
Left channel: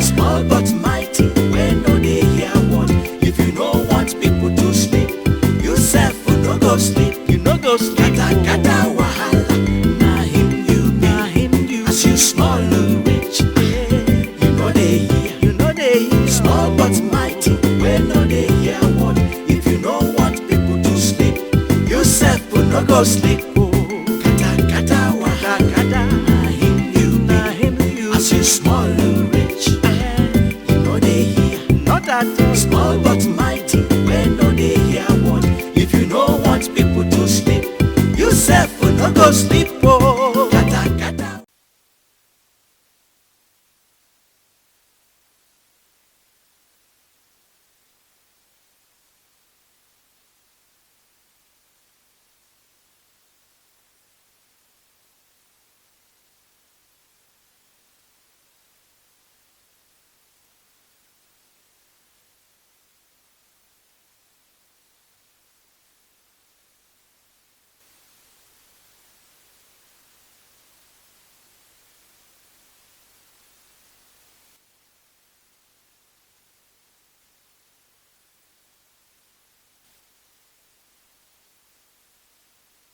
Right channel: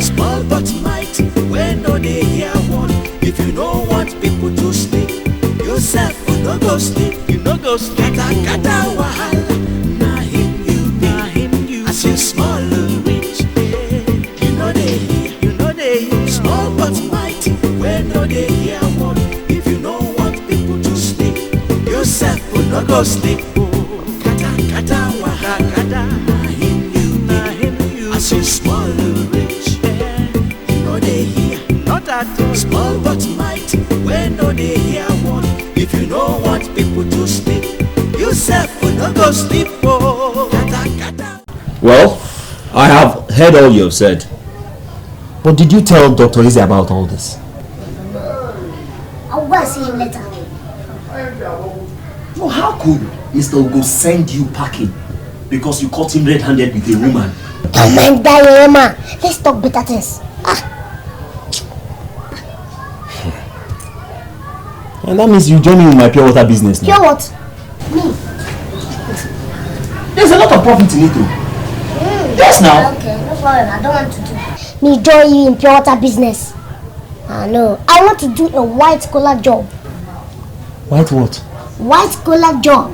Small but mighty, when no they hear one. If you don't want people to sleep, yourself will no go sleep. You no go sleep. Kata wahala, na him you be. As you small and rich, you know they hear. You know they hear. Small but mighty, when no they hear one. If you don't want people to sleep, yourself will no go sleep. Kata wahala, na him you be. As you small and rich. Small but mighty, when no they hear one. If you don't want people to sleep, yourself will not go sleep. Oh. Well, I have heard all you have said. But did you tell Dr. Izzy about all this? I'll go and see him later. No, how could Mr. Ugo send you packing because you caught him red-handed with a woman? Don't mind that, man. Let's talk better things. And that means you join me in my pure water business now. Pure what? Me? There's a lot of profit in it too. Yes now. Okay, no problem. I don't want to do. Me join you in pure water business. No. I want to do a white collar job. White what? White collar job.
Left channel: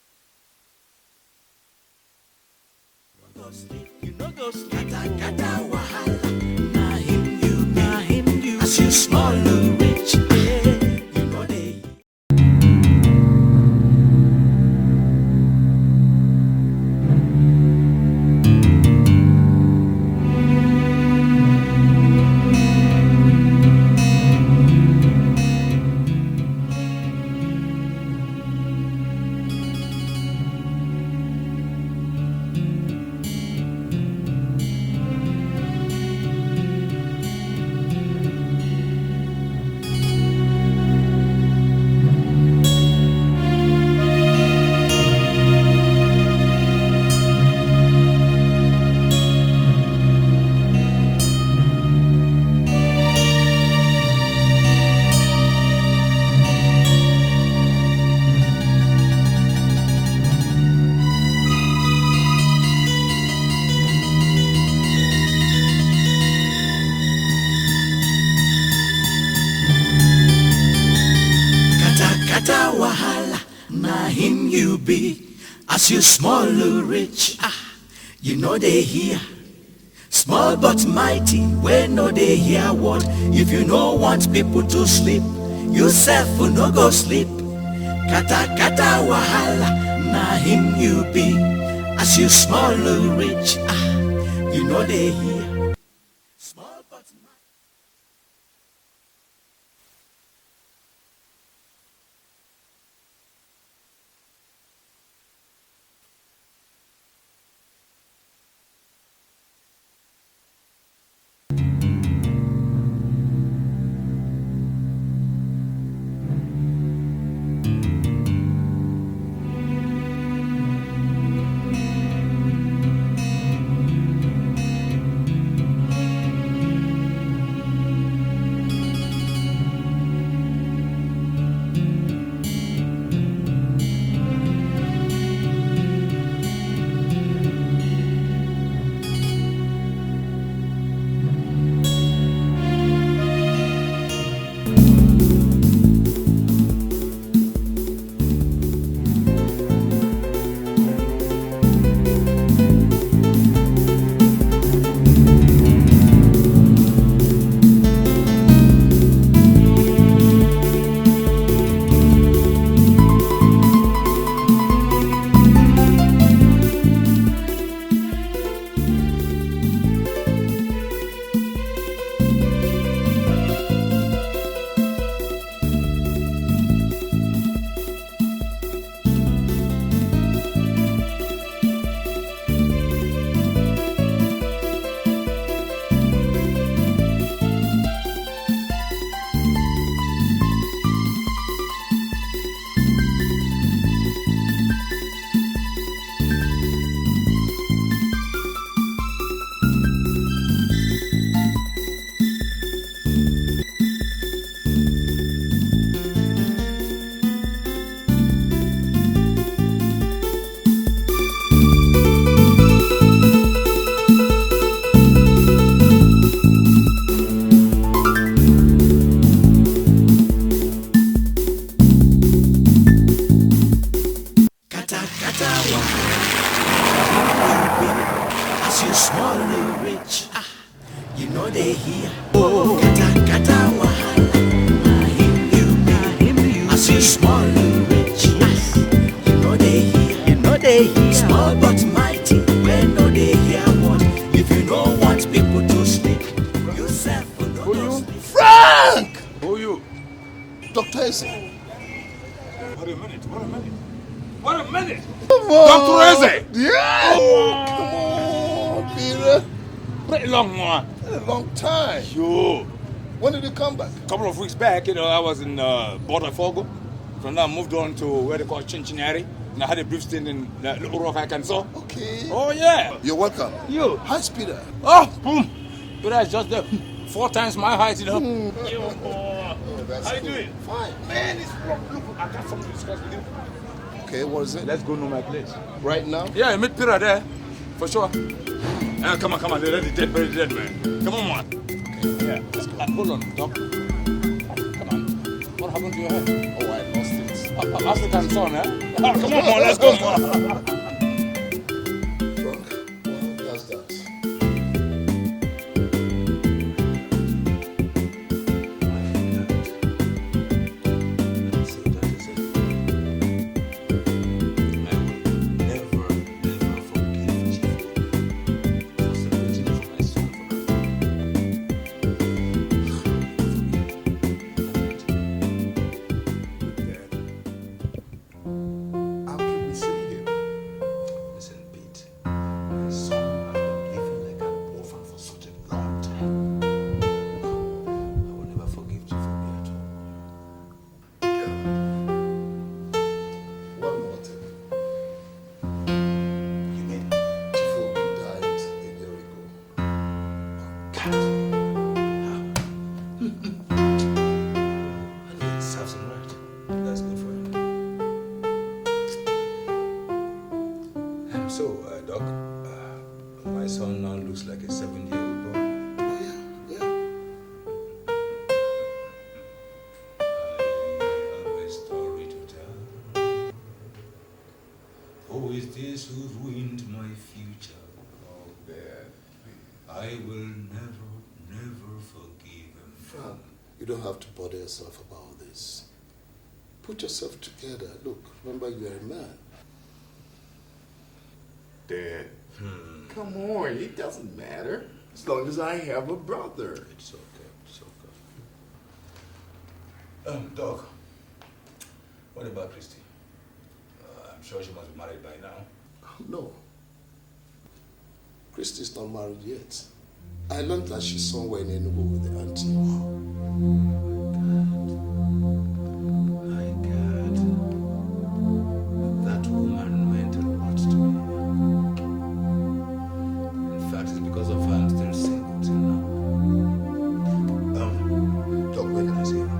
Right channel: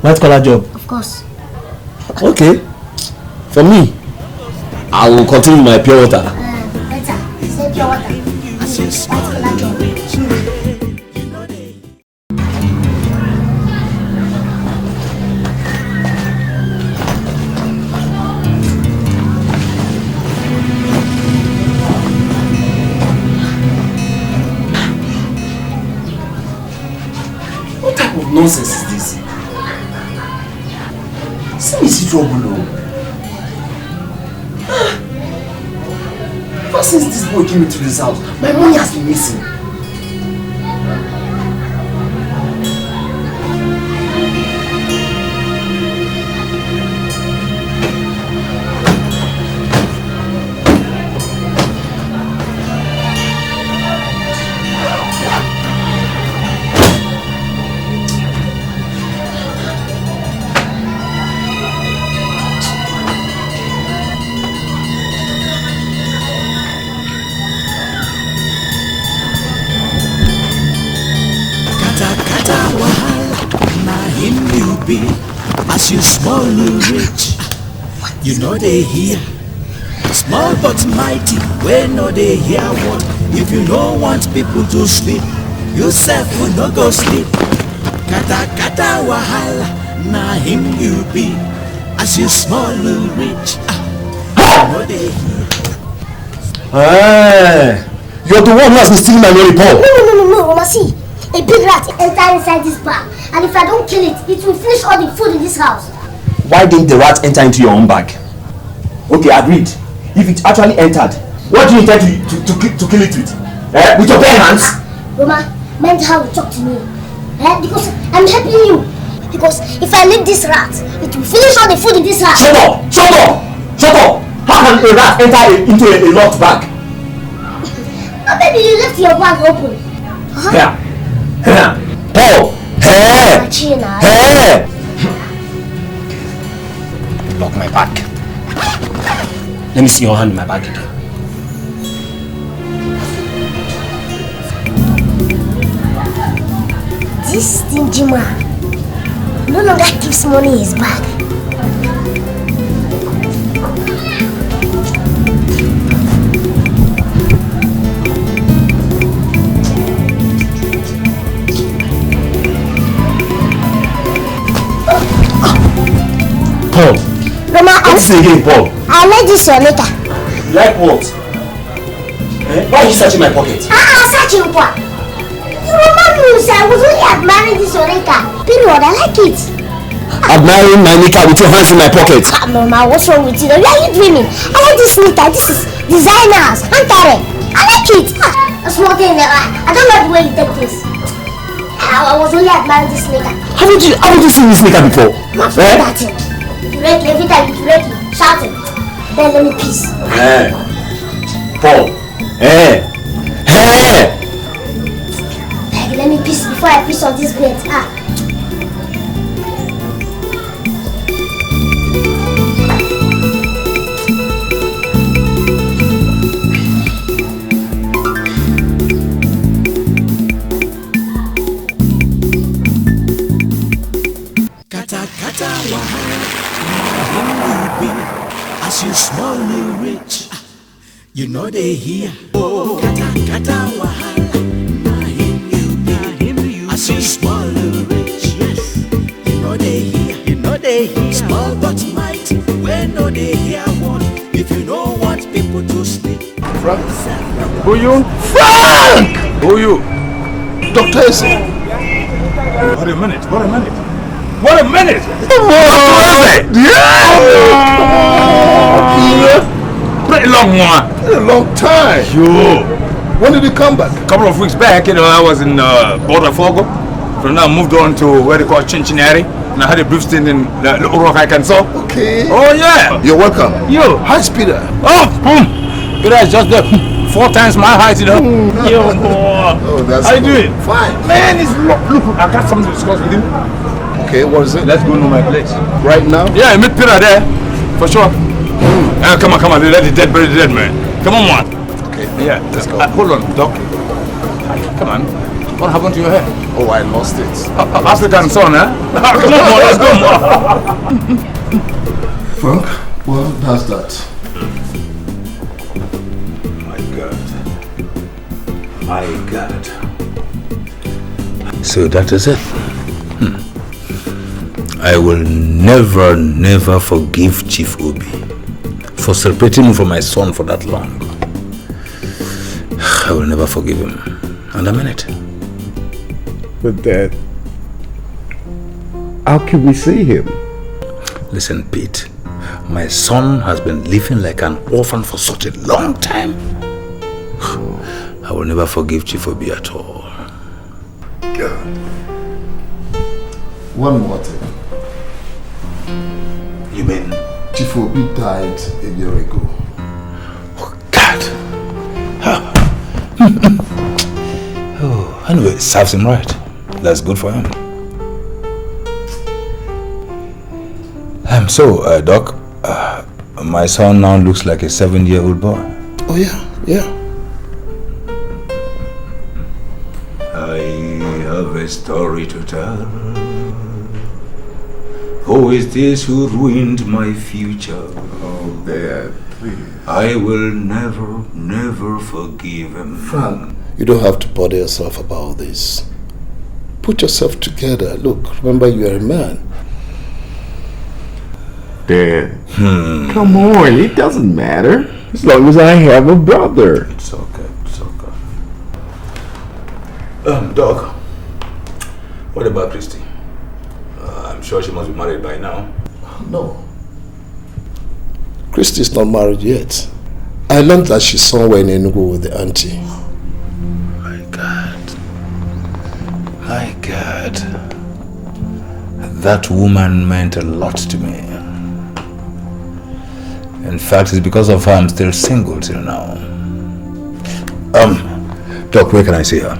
White collar job? Of course. Okay. For me, I will continue my pure water. Say pure water. As you small and rich. Nonsense is this? See me see trouble. Ever since this boy came into this house, my money has been missing. As you small and rich, you know they hear. Small but mighty, when no they hear one. If you don't want people to sleep, yourself will not go sleep. Kata wahala, na him you be. As you small and rich, you know they hear. Hey, you're the one who has been stealing my money, Paul. No, Mama, see. A a big rat enter inside this bag, and if I don't kill it, it will finish all the food in this house. Why didn't the rat enter into your own bag? Okay, agreed. If it actually entered, what do you intend to kill it with? With your bare hands? Roma, mind how you talk to me. Because I'm helping you. Because if I leave this rat, it will finish all the food in this house. Shut up! Shut up! Shut up! How can a rat enter into a locked bag? But maybe you left your bag open. Here. Here. Paul! Hey! Hey! Lock my bag. Let me see your hand in my bag again. This stingy man no longer keeps money in his bag. Paul! Roma, What's this again, Paul? I'll let this your later. Like what? Why are you searching my pocket? Searching what? Roma knows I was only admiring this Oreka. Period, I like it. Admiring my knicker with your hands in my pocket. Mama, what's wrong with you? Why are you dreaming? I like this knicker. This is designers. Antare. I like it. A small thing in the eye. I don't like the way you take this. I was only admiring this knicker. Haven't you seen this knicker before? Not that thing. Ready, every time it's ready. Shouting. Then let me peace. Paul. Let me piss before I piss on this bed. As you swallow rich, you know they hear. Oh, kata wahala. As you swallow rich, you know they hear. Small but mighty, when no they hear one. If you don't want people to sleep, Frank? Who you? Frank! Who you? Dr. Ese. What a minute. What a minute! Pretty long one. A long time. Sure. When did you come back? A couple of weeks back, I was in Botafogo. From now, I moved on to where they call Cincinnati. And I had a brief stint in Little Rock, Arkansas. Okay. Oh, yeah. You're welcome. You. Hi, Speeder. Oh, Speeder is just 4 times my height, Yo, boy. Oh, that's How you doing? Fine. Man, look, I got something to discuss with you. Okay, what is it? Let's go to my place. Right now? Yeah, meet Peter there. For sure. Come on. Let the dead bury the dead, man. Come on, man. Okay. Yeah, let's go. Hold on, Doc. Come on. What happened to your hair? Oh, I lost it. African son, huh? Come on, man. Let's go, man. Frank, well, how's that? My God. So that is it. I will never forgive Chief Obi for separating me from my son for that long. I will never forgive him. And I mean it. But Dad, how can we see him? Listen, Pete. My son has been living like an orphan for such a long time. I will never forgive Chief Obi at all. God. One more thing. You mean? Chief Obi died a year ago. Oh, God. Oh, anyway, it serves him right. That's good for him. So, Doc, my son now looks like a 7-year-old boy. Oh, yeah. I have a story to tell. Who is this who ruined my future? Oh, Dad, please. I will never forgive him. Frank, you don't have to bother yourself about this. Put yourself together. Look, remember you are a man. Dad, come on, it doesn't matter. As long as I have a brother. It's okay. Doc, What about Christy? I'm sure she must be married by now. No. Christy's not married yet. I learned that she's somewhere in Enugu with the auntie. My God. That woman meant a lot to me. In fact, it's because of her I'm still single till now. Doc, where can I see her?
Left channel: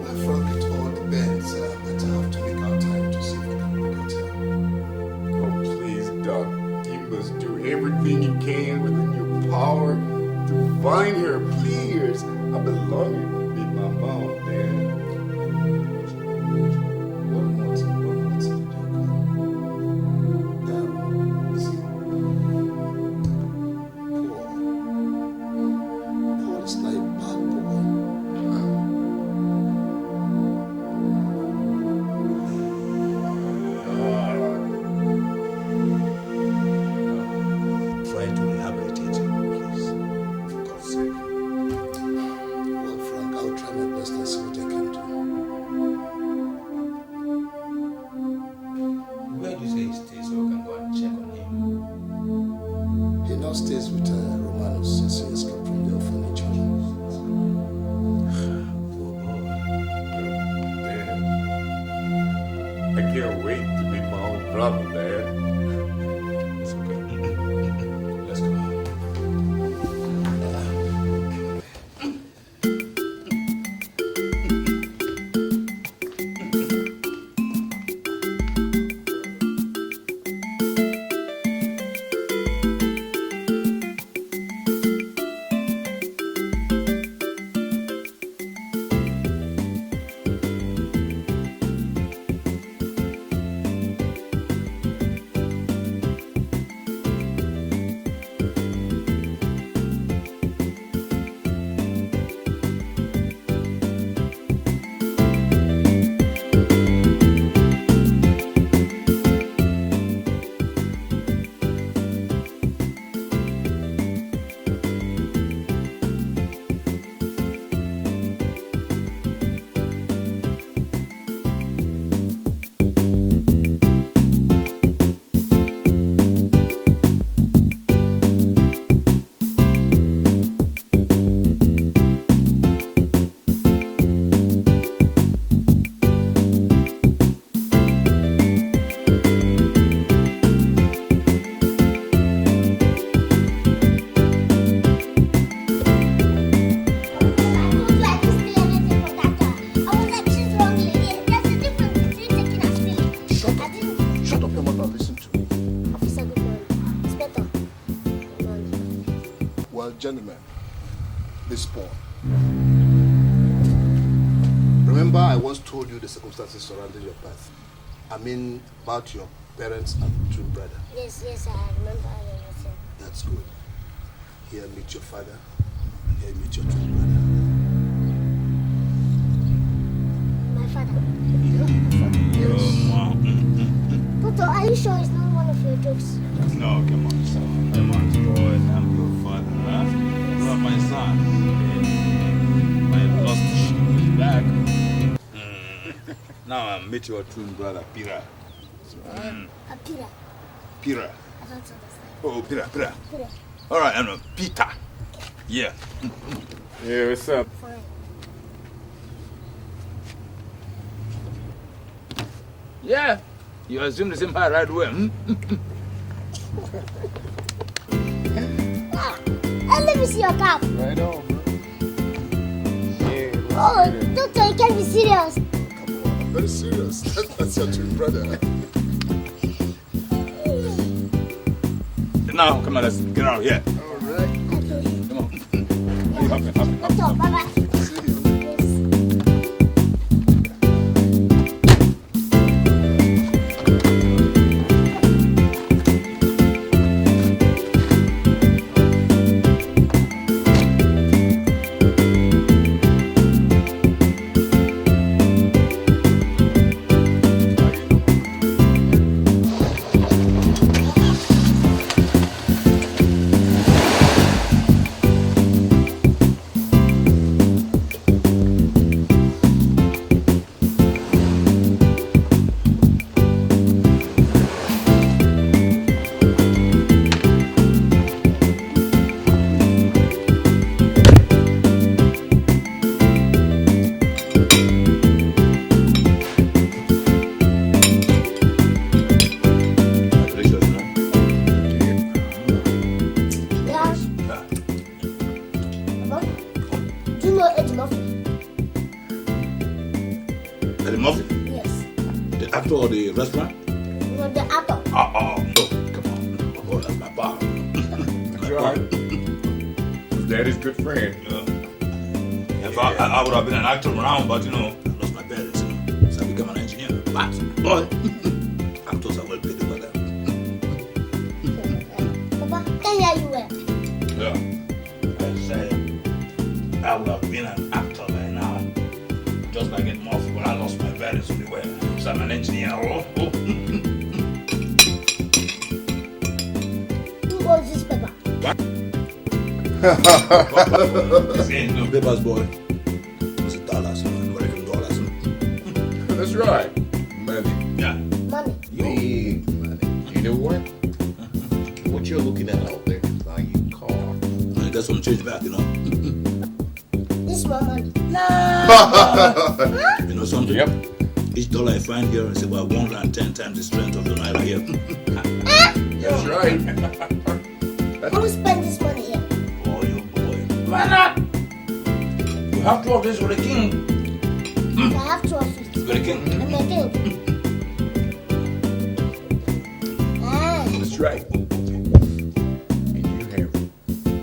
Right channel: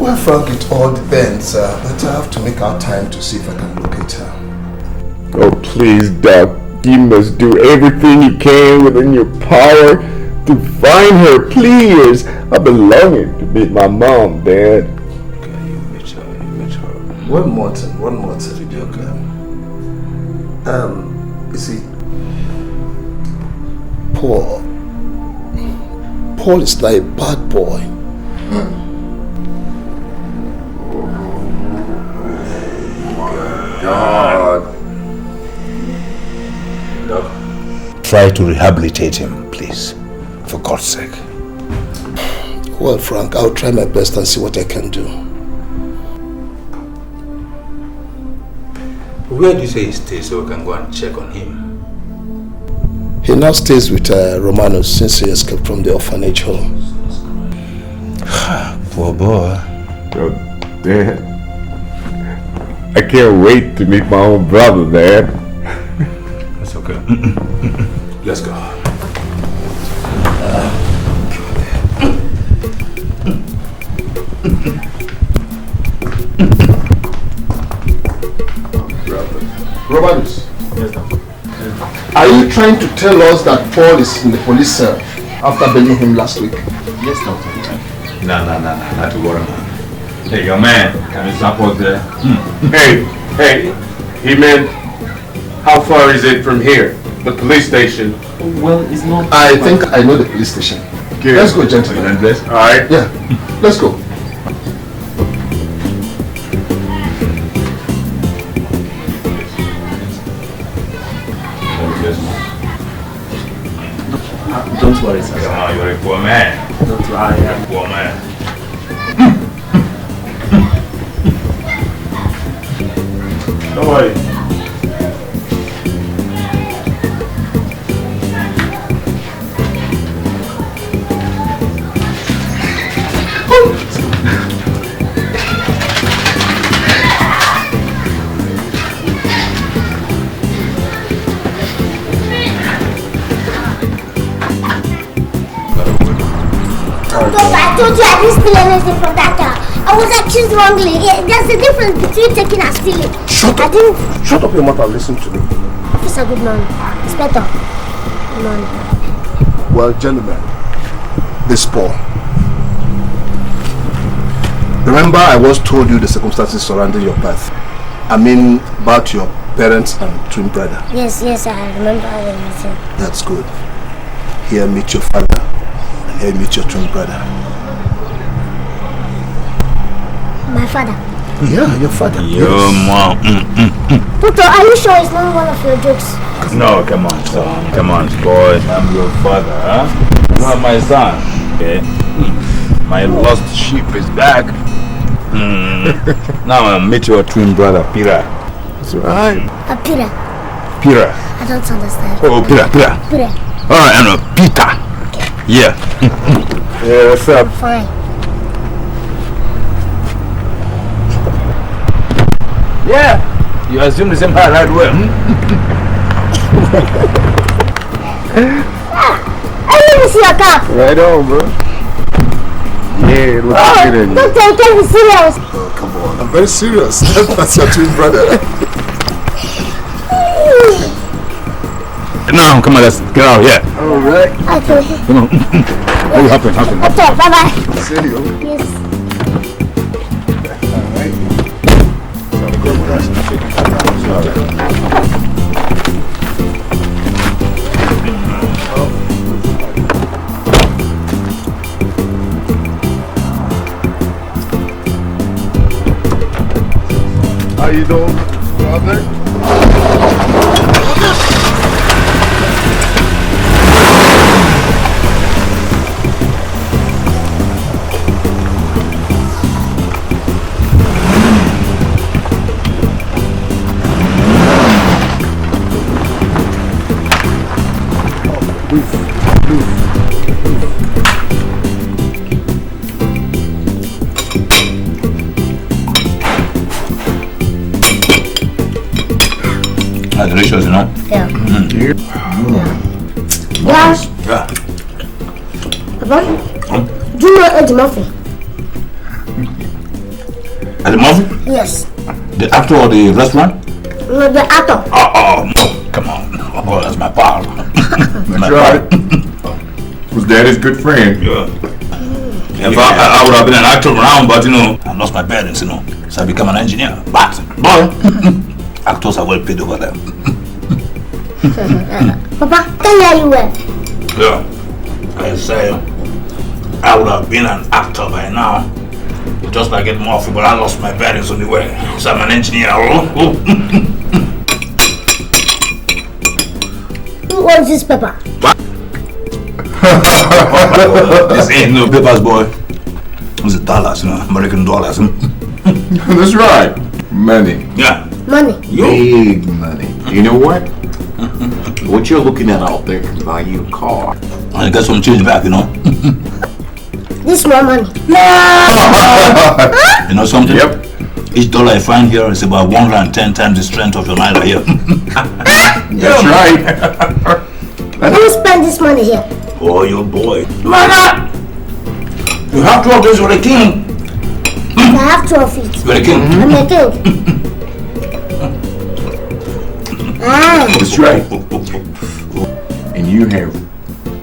Well, Frank, it all depends, but I have to make out time to see if I can locate her. Oh, please, Doc. You must do everything you can within your power to find her, please. I've been longing to meet my mom, Dad. One more thing. You see, Paul is like a bad boy. God. Try to rehabilitate him, please. For God's sake. Well, Frank, I'll try my best and see what I can do. Where do you say he stays so we can go and check on him? He now stays with Romanos since he escaped from the orphanage home. Poor boy. Oh, Dad. I can't wait to meet my own brother, Dad. That's okay. Let's go. Romanos, are you trying to tell us that Paul is in the police cell after bailing him last week? Yes, doctor. No, not to worry, man. Hey, young man, can you support there? Hey, he meant, how far is it from here? The police station? Well, it's not... I think I know the police station. Good. Let's go, gentlemen. All right. Yeah, let's go. Don't worry, sir. Come on, you're a poor man. Don't worry. You're a poor man. Don't worry. I told you I didn't steal anything from that car. I was accused wrongly. There's a difference between taking and stealing. Shut up your mouth and listen to me. Officer, good morning. Inspector, good morning. Well, gentlemen, this Paul. Remember I once told you the circumstances surrounding your birth. I mean about your parents and twin brother. Yes, I remember everything. That's good. Here meet your father and here meet your twin brother. My father? Yeah, your father. Your mom. Doctor, are you sure it's not one of your jokes? No, come on, son. Come on, boy. I'm your father, huh? You are my son, okay? My lost sheep is back. Now I'll meet your twin brother, Pira. That's right. Pira? Pira. I don't understand. Oh, Pira. Pira. Alright, I know. Peter. Okay. Yeah. Yeah, what's up? Fine. Yeah. You assume the same part right well. I need to see your cap. Right on, bro. Yeah, it looks good. Doctor, I can't be serious. Oh, come on. I'm very serious. That's your twin brother. No, come on, let's get out of here. All right. Okay. Come on. Hurry, hop in. Okay, bye-bye. See you. Yes. How you doing, brother? delicious, you know? Yeah. Yes. Yeah. Papa, do you know Eddie Murphy? Eddie Murphy? Yes. The actor or the restaurant? No, the actor. Oh, no. Come on. Oh, that's my pal. That's right. Was daddy's good friend. Yeah. If I would have been an actor around, but you know, I lost my parents, you know. So I became an engineer. But, boy, actors are well paid over there. Papa, tell me how you were. Yeah. I say, I would have been an actor by now. Just like Eddie Murphy, but I lost my parents on the way. So I'm an engineer. Who owns this paper? What? This ain't no papers, boy. It's dollars, you know, American dollars. That's right. Money. Yeah. Money. Big money. You know what? What you're looking at out there can buy you a car. I got some change back, you know. This is more money. You know something? Yep. Each dollar I find here is about 110 times the strength of your naira here. That's right. Who spend this money here? Oh, your boy. Mother! You have 2 of these for the king. I have 2 of it. You're the king. I'm the king. That's right. And you have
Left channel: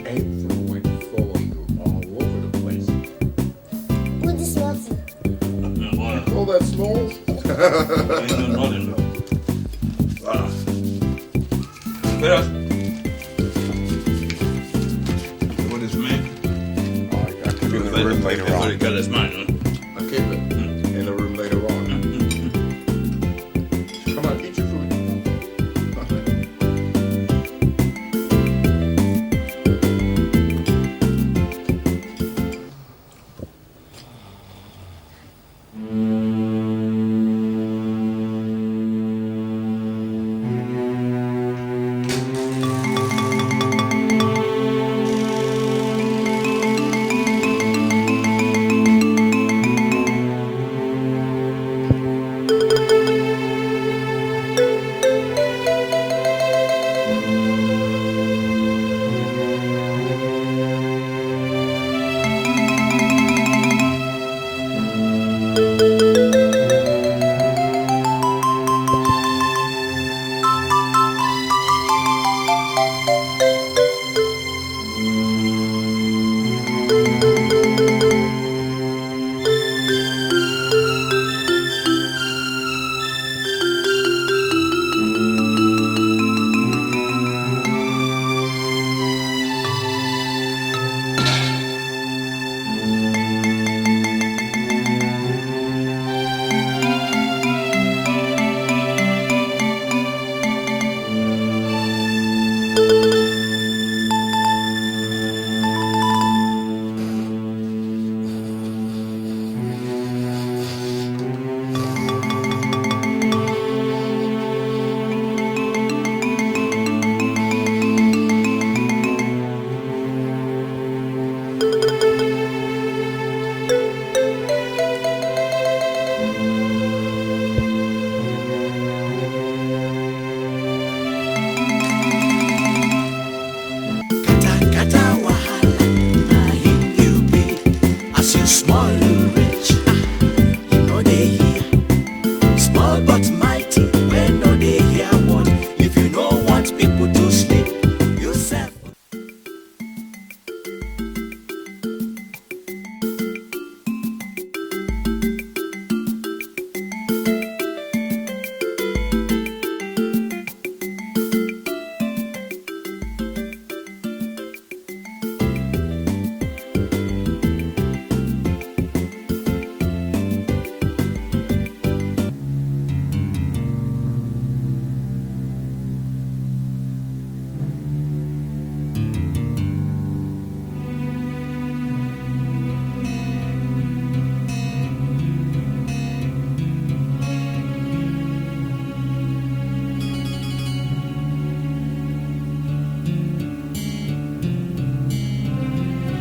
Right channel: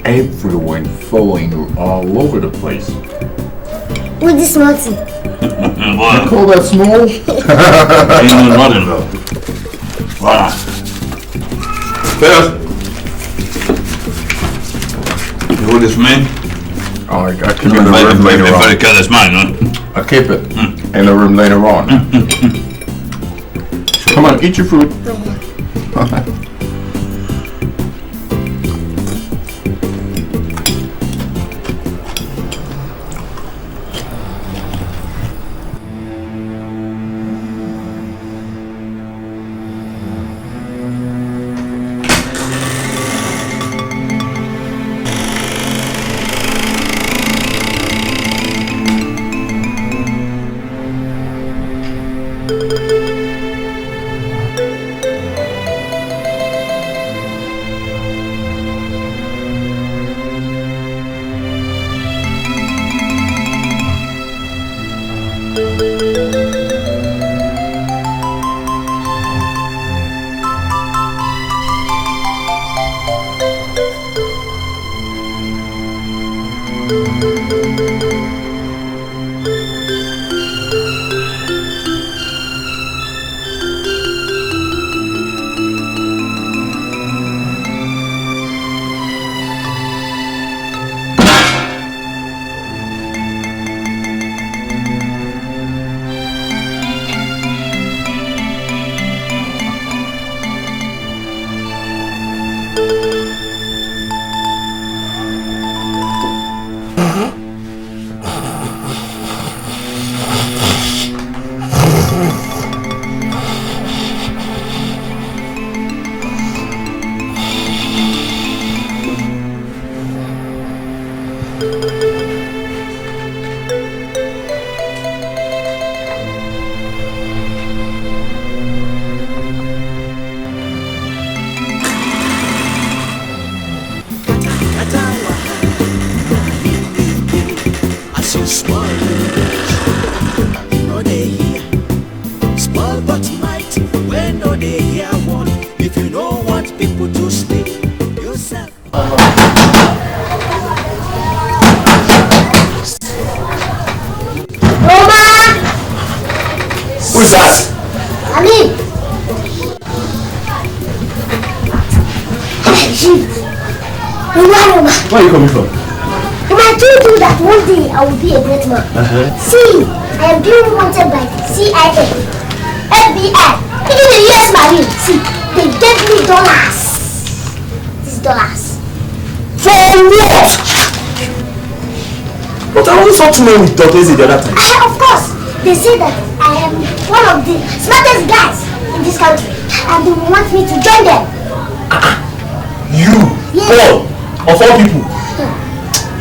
everyone following you all over the place. With this nothing. You call that small? Ain't no nothing though. Wow. First, you hold this man? Oh, I keep it in the room later on. Very careless man, huh? I keep it in the room later on. Come on, eat your food. Who's that? Ali. Where are you coming from? I told you that one day I will be a great man. See, I am being wanted by CIA, FBI, even the US Marine. See, they gave me dollars. These dollars. For what? But I only saw 2 men with Dr. the other time. Of course, they say that I am one of the smartest guys in this country, and they want me to join them. You, Paul, of all people,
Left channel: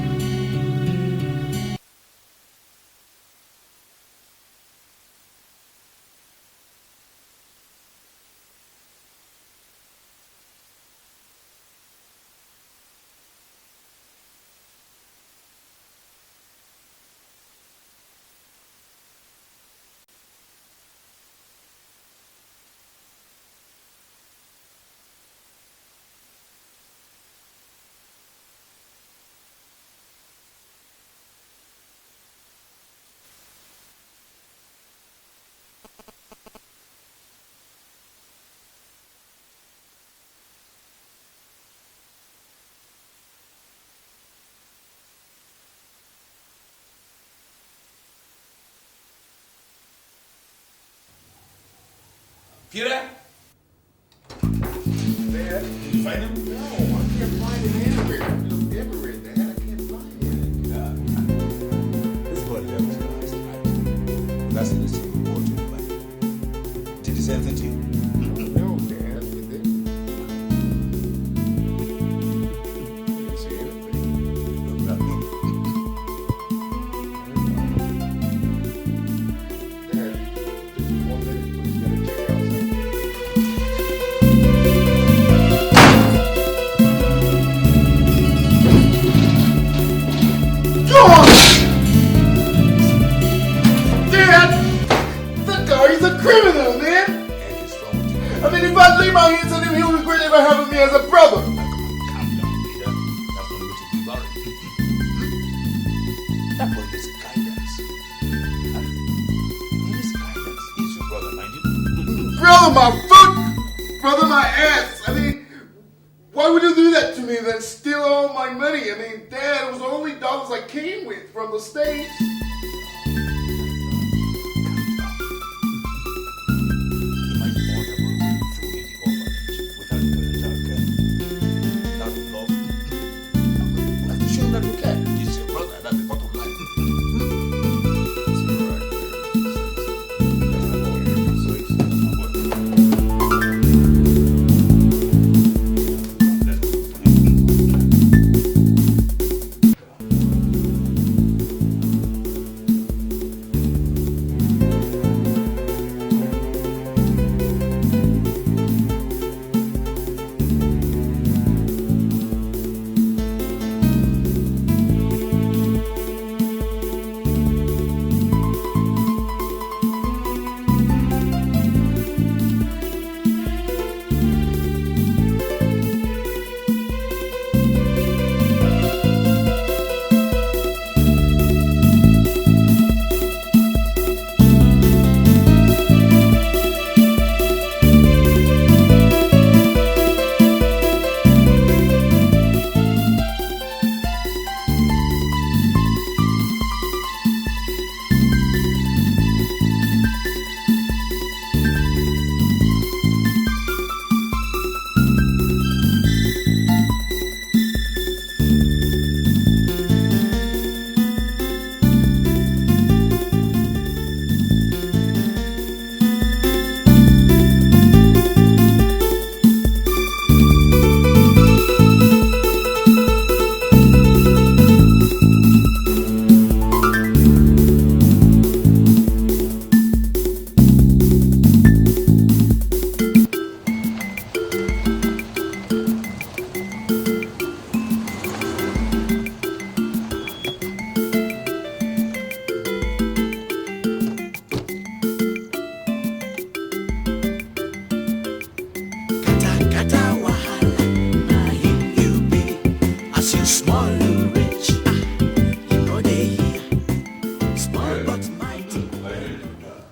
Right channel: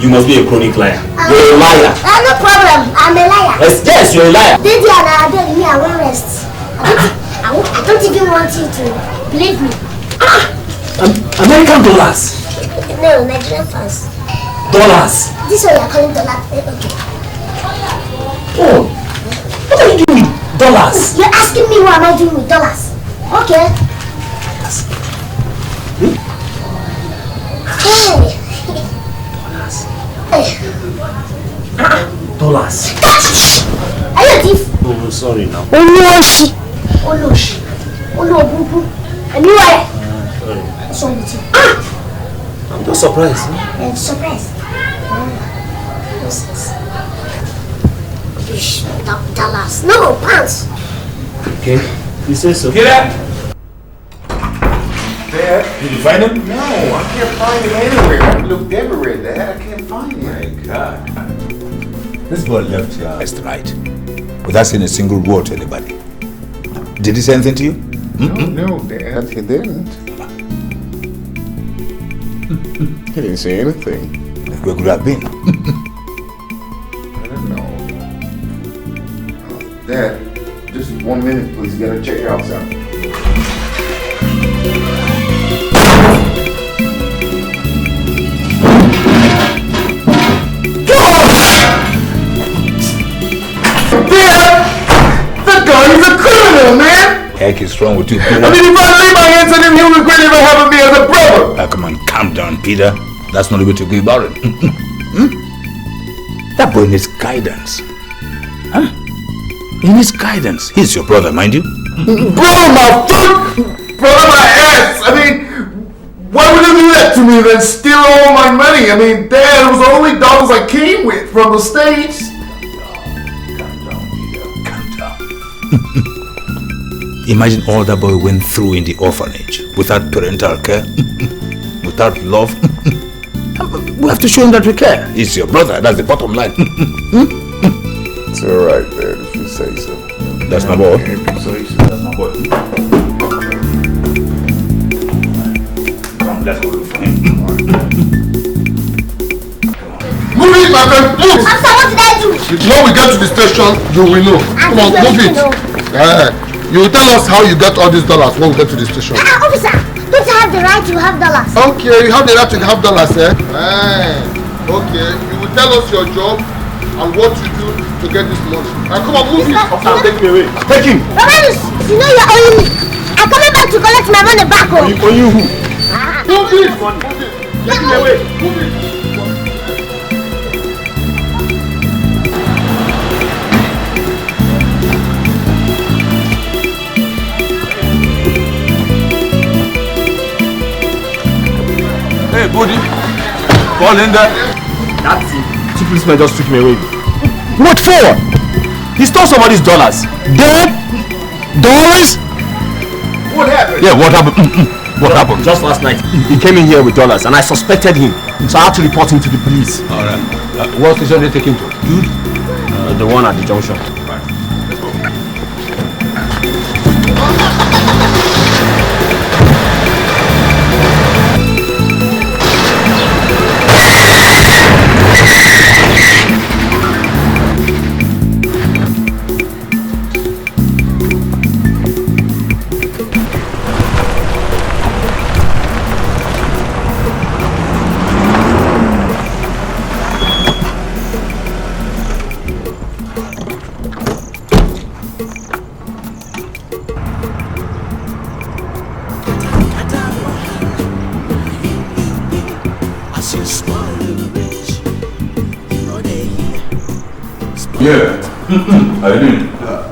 you must be a chronic liar. You're a liar. No problem, I'm a liar. Yes, you're a liar. They did me, I won't rest. I don't even want you to believe me. American dollars. No, Nigerian pounds. Dollars. This one you're calling dollars. Okay. Oh, what are you doing with dollars? You're asking me what am I doing with dollars? Okay. Dollars. Are you a thief? Oh, sorry now. Oloshi. Olobubu. And you are? Sorry. What's wrong with you? I'm just surprised. Surprised. Dollars. No, pounds. Okay. You say so. Get up! Dad? Did you find him? No, I can't find him anywhere. I've looked everywhere, Dad. I can't find him. My God. This boy left here last night without saying a single word to anybody. Did he say anything to you? No, Dad, he didn't. He didn't say anything. Where could have been? I don't know. Dad, just 1 minute, please. Gotta check out something. Heck is wrong with you, Peter? I mean, if I lay my hands on him, he'll regret ever having me as a brother. Now, come on, calm down, Peter. That's not the way to go about it. That boy needs guidance. Huh? He needs guidance. He's your brother, mind you. Brother, my foot! Brother, my ass! I mean, why would you do that to me then steal all my money? I mean, Dad, it was the only dollars I came with from the States. Imagine all that boy went through in the orphanage without parental care, without love. We have to show him that we care. He's your brother, that's the bottom line. It's alright, Dad, if you say so. That's my boy. If you say so, that's my boy. Let's go. Move it, my friend, move! Officer, what did I do? When we get to the station, you will know. Come on, move it. You will tell us how you get all these dollars when we get to the station. Officer, don't I have the right to have dollars? Okay, you have the right to have dollars, eh? Okay, you will tell us your job and what you do to get this money. Now come on, move it. Officer, take me away. Take him. Romanus, you know you're owing me. I'm coming back to collect my money back home. On you who? Move it. Take me away. Move it. Linda. That's it. Two policemen just took me away. What for? He stole somebody's dollars. Dead? Dollars? What happened? Yeah, what happened? What happened? Just last night, he came in here with dollars and I suspected him. So I had to report him to the police. Alright. What station did they take him to? The one at the junction. Right.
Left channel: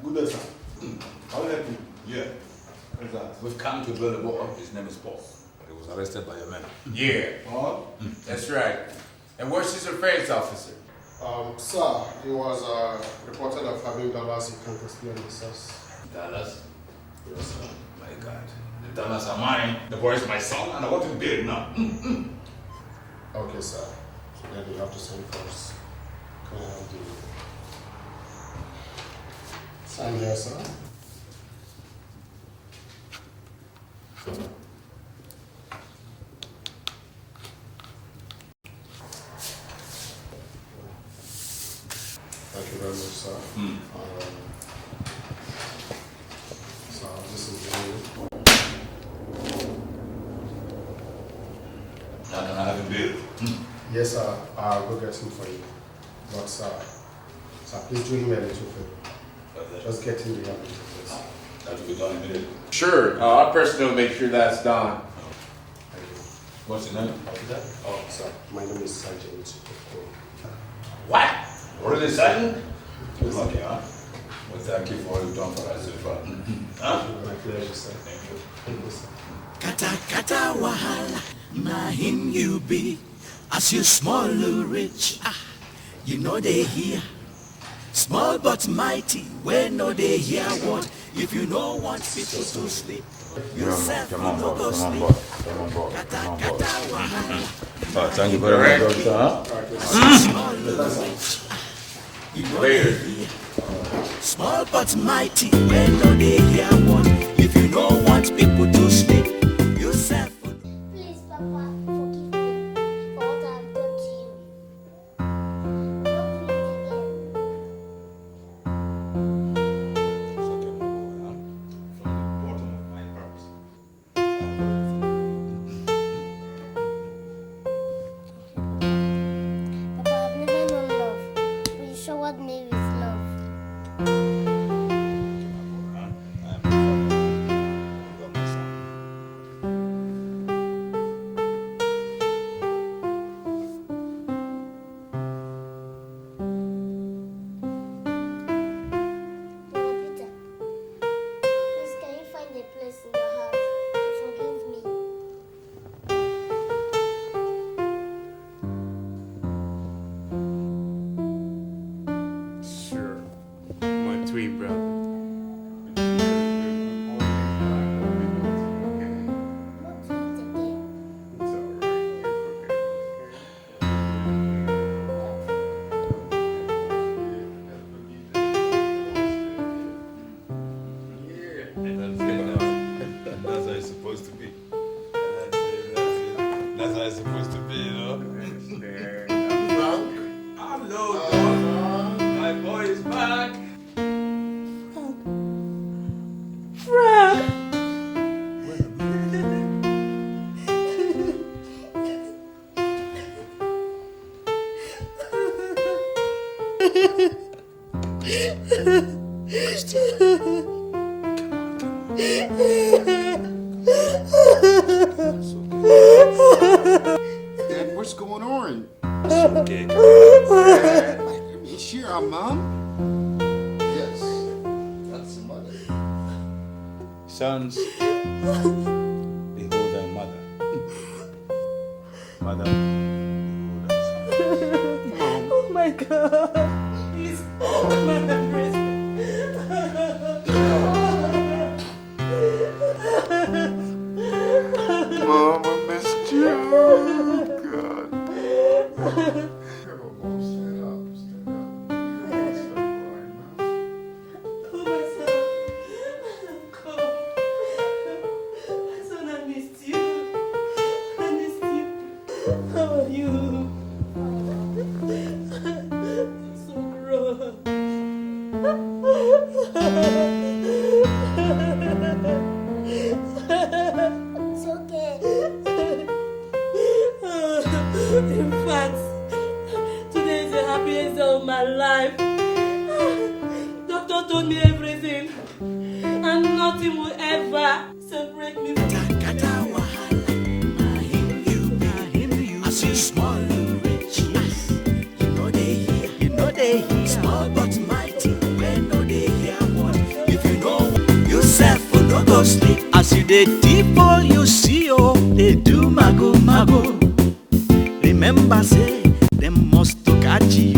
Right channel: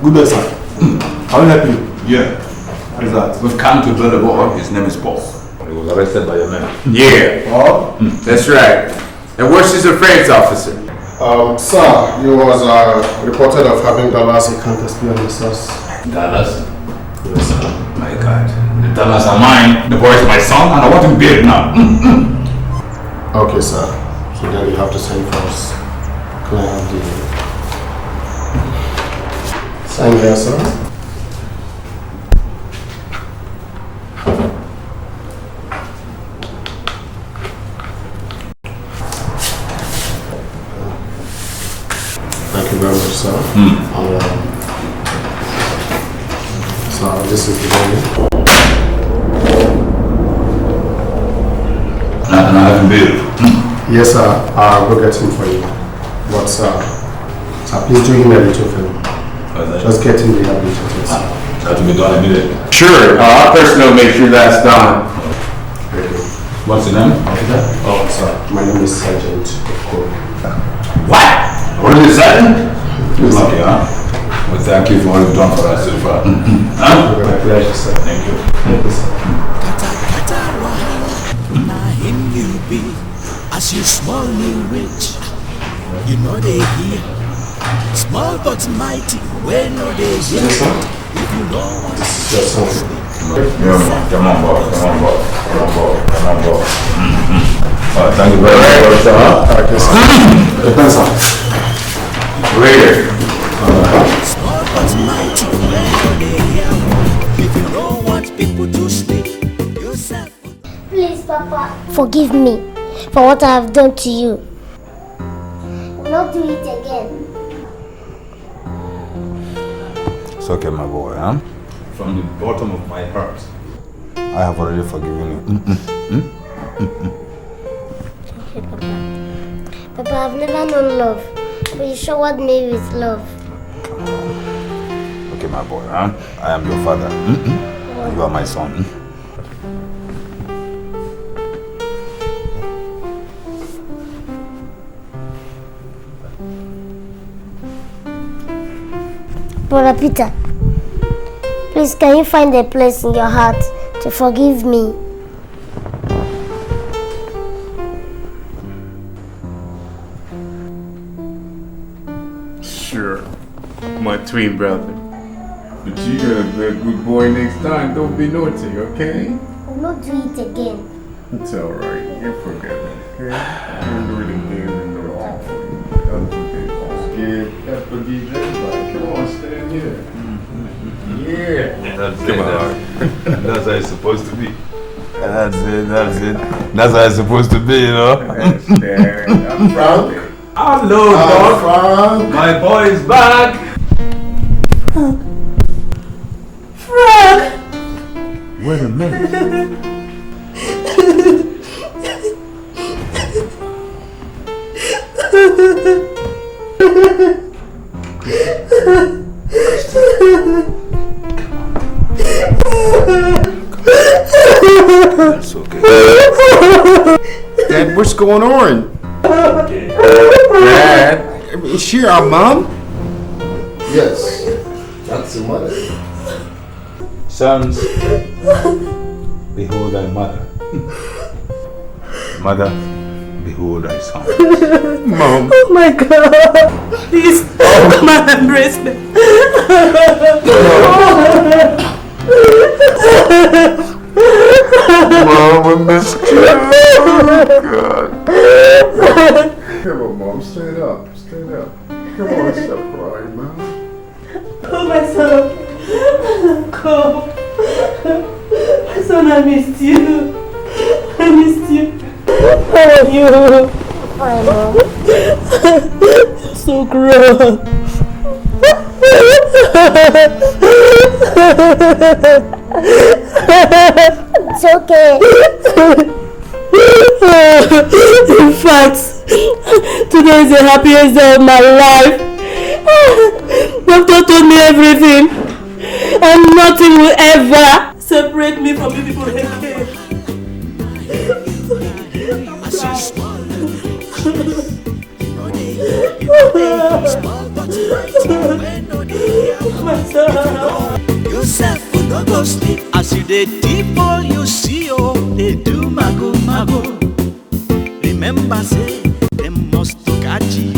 Good day, sir. How can I help you? Yeah. What is that? We've come to build a boy. His name is Paul. He was arrested by your men. Yeah. Oh? That's right. And where's his affairs officer? Sir, he was reported of having dollars he can't explain himself. Dollars? Yes, sir. My God. The dollars are mine. The boy is my son, and I want him buried now. Okay, sir. So then you have to sign for us. Can I have the sign here, sir? Thank you very much, sir. So this is the money. and bill. Yes, sir. I'll go get him for you. But, sir, please do him a little favor. Just get him rehabilitated, sir. That will be done immediately. Sure, our personnel make sure that's done. Very good. What's your name? Oh, sir. My name is Sergeant Corny. What? Already Sergeant? You're lucky, huh? Well, thank you for all you've done for us so far. Huh? My pleasure, sir. Thank you. Thank you, sir. Kata wahala, na him you be. As you small you rich, you know they hear. Small but mighty, where no they hear. If you don't want to sleep, come on, boy. Thank you very much, sir. Thanks, sir. Later. Small but mighty, where no they hear. If you don't want people to sleep, yourself. Please, Papa, forgive me for what I have done to you. Not do it again. It's okay, my boy, huh? From the bottom of my heart, I have already forgiven you. Papa, I've never known love. But you show what made with love. Okay, my boy, huh? I am your father. You are my son. Brother Peter, please can you find a place in your heart to forgive me? Sure, my twin brother. But you gotta be a good boy next time. Don't be naughty, okay? I will not do it again. It's alright. You forget me, okay? I'm really feeling wrong. Don't forget. I forgive everybody. Come on, stand here. Yeah. That's it. That's how it's supposed to be. That's it. That's how it's supposed to be, you know? I'm proud. Hello, dog. My boy is back. Frank! Wait a minute. That's okay. Dad, what's going on? Okay. Dad, is she our mom? Yes, that's the mother. Sons, behold thy mother. Mother, behold thy son. Mom. Oh my God! Please, come and embrace me. Mom, we missed you. Oh, God. Come on, Mom, stand up. Stand up. Come on, stop crying, Mom. Oh, my son. Come. My son, I missed you. I missed you. How are you? Fine, Mom. So grown. It's okay. In fact, today is the happiest day of my life. Doctor told me everything, and nothing will ever separate me from people. As you small rich, you know they small but mighty. When no they if you don't, yourself will not go sleep. As you dey deep all you see, oh, they do mago. Remember say them must to catch you.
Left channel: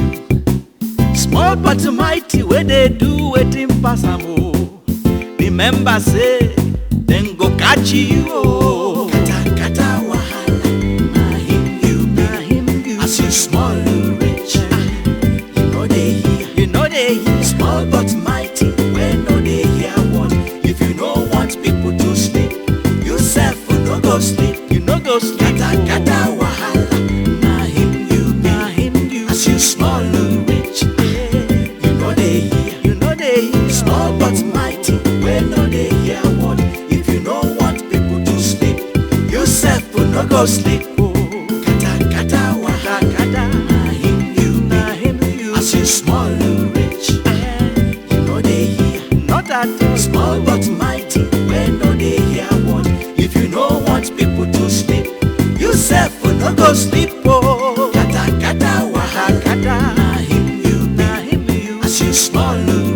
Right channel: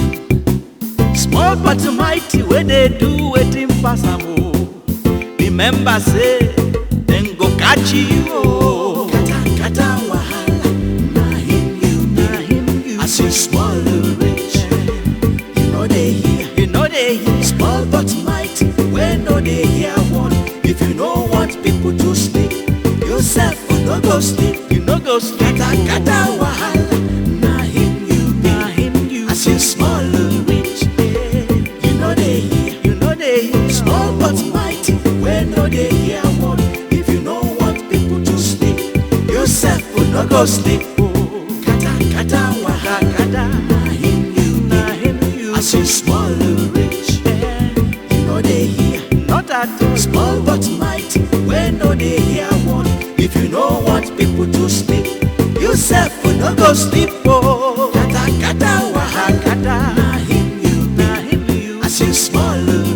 Small but mighty when they do waiting pass am oh. Remember say them go catch you oh. Kata wahala, na him you. As you small you rich, you know they hear. Small but mighty when no they hear one. If you don't want people to sleep, yourself will not go sleep. You no go sleep. Kata wahala, na him you. As you small you rich, you know they hear. Small but mighty when no they hear one. If you don't want people to sleep, yourself will not go sleep. Oh, kata at all. Small but mighty, when no they hear one. If you no want people to sleep, you self will not go sleep. Oh, kata kata wahala, na him you be, as you small.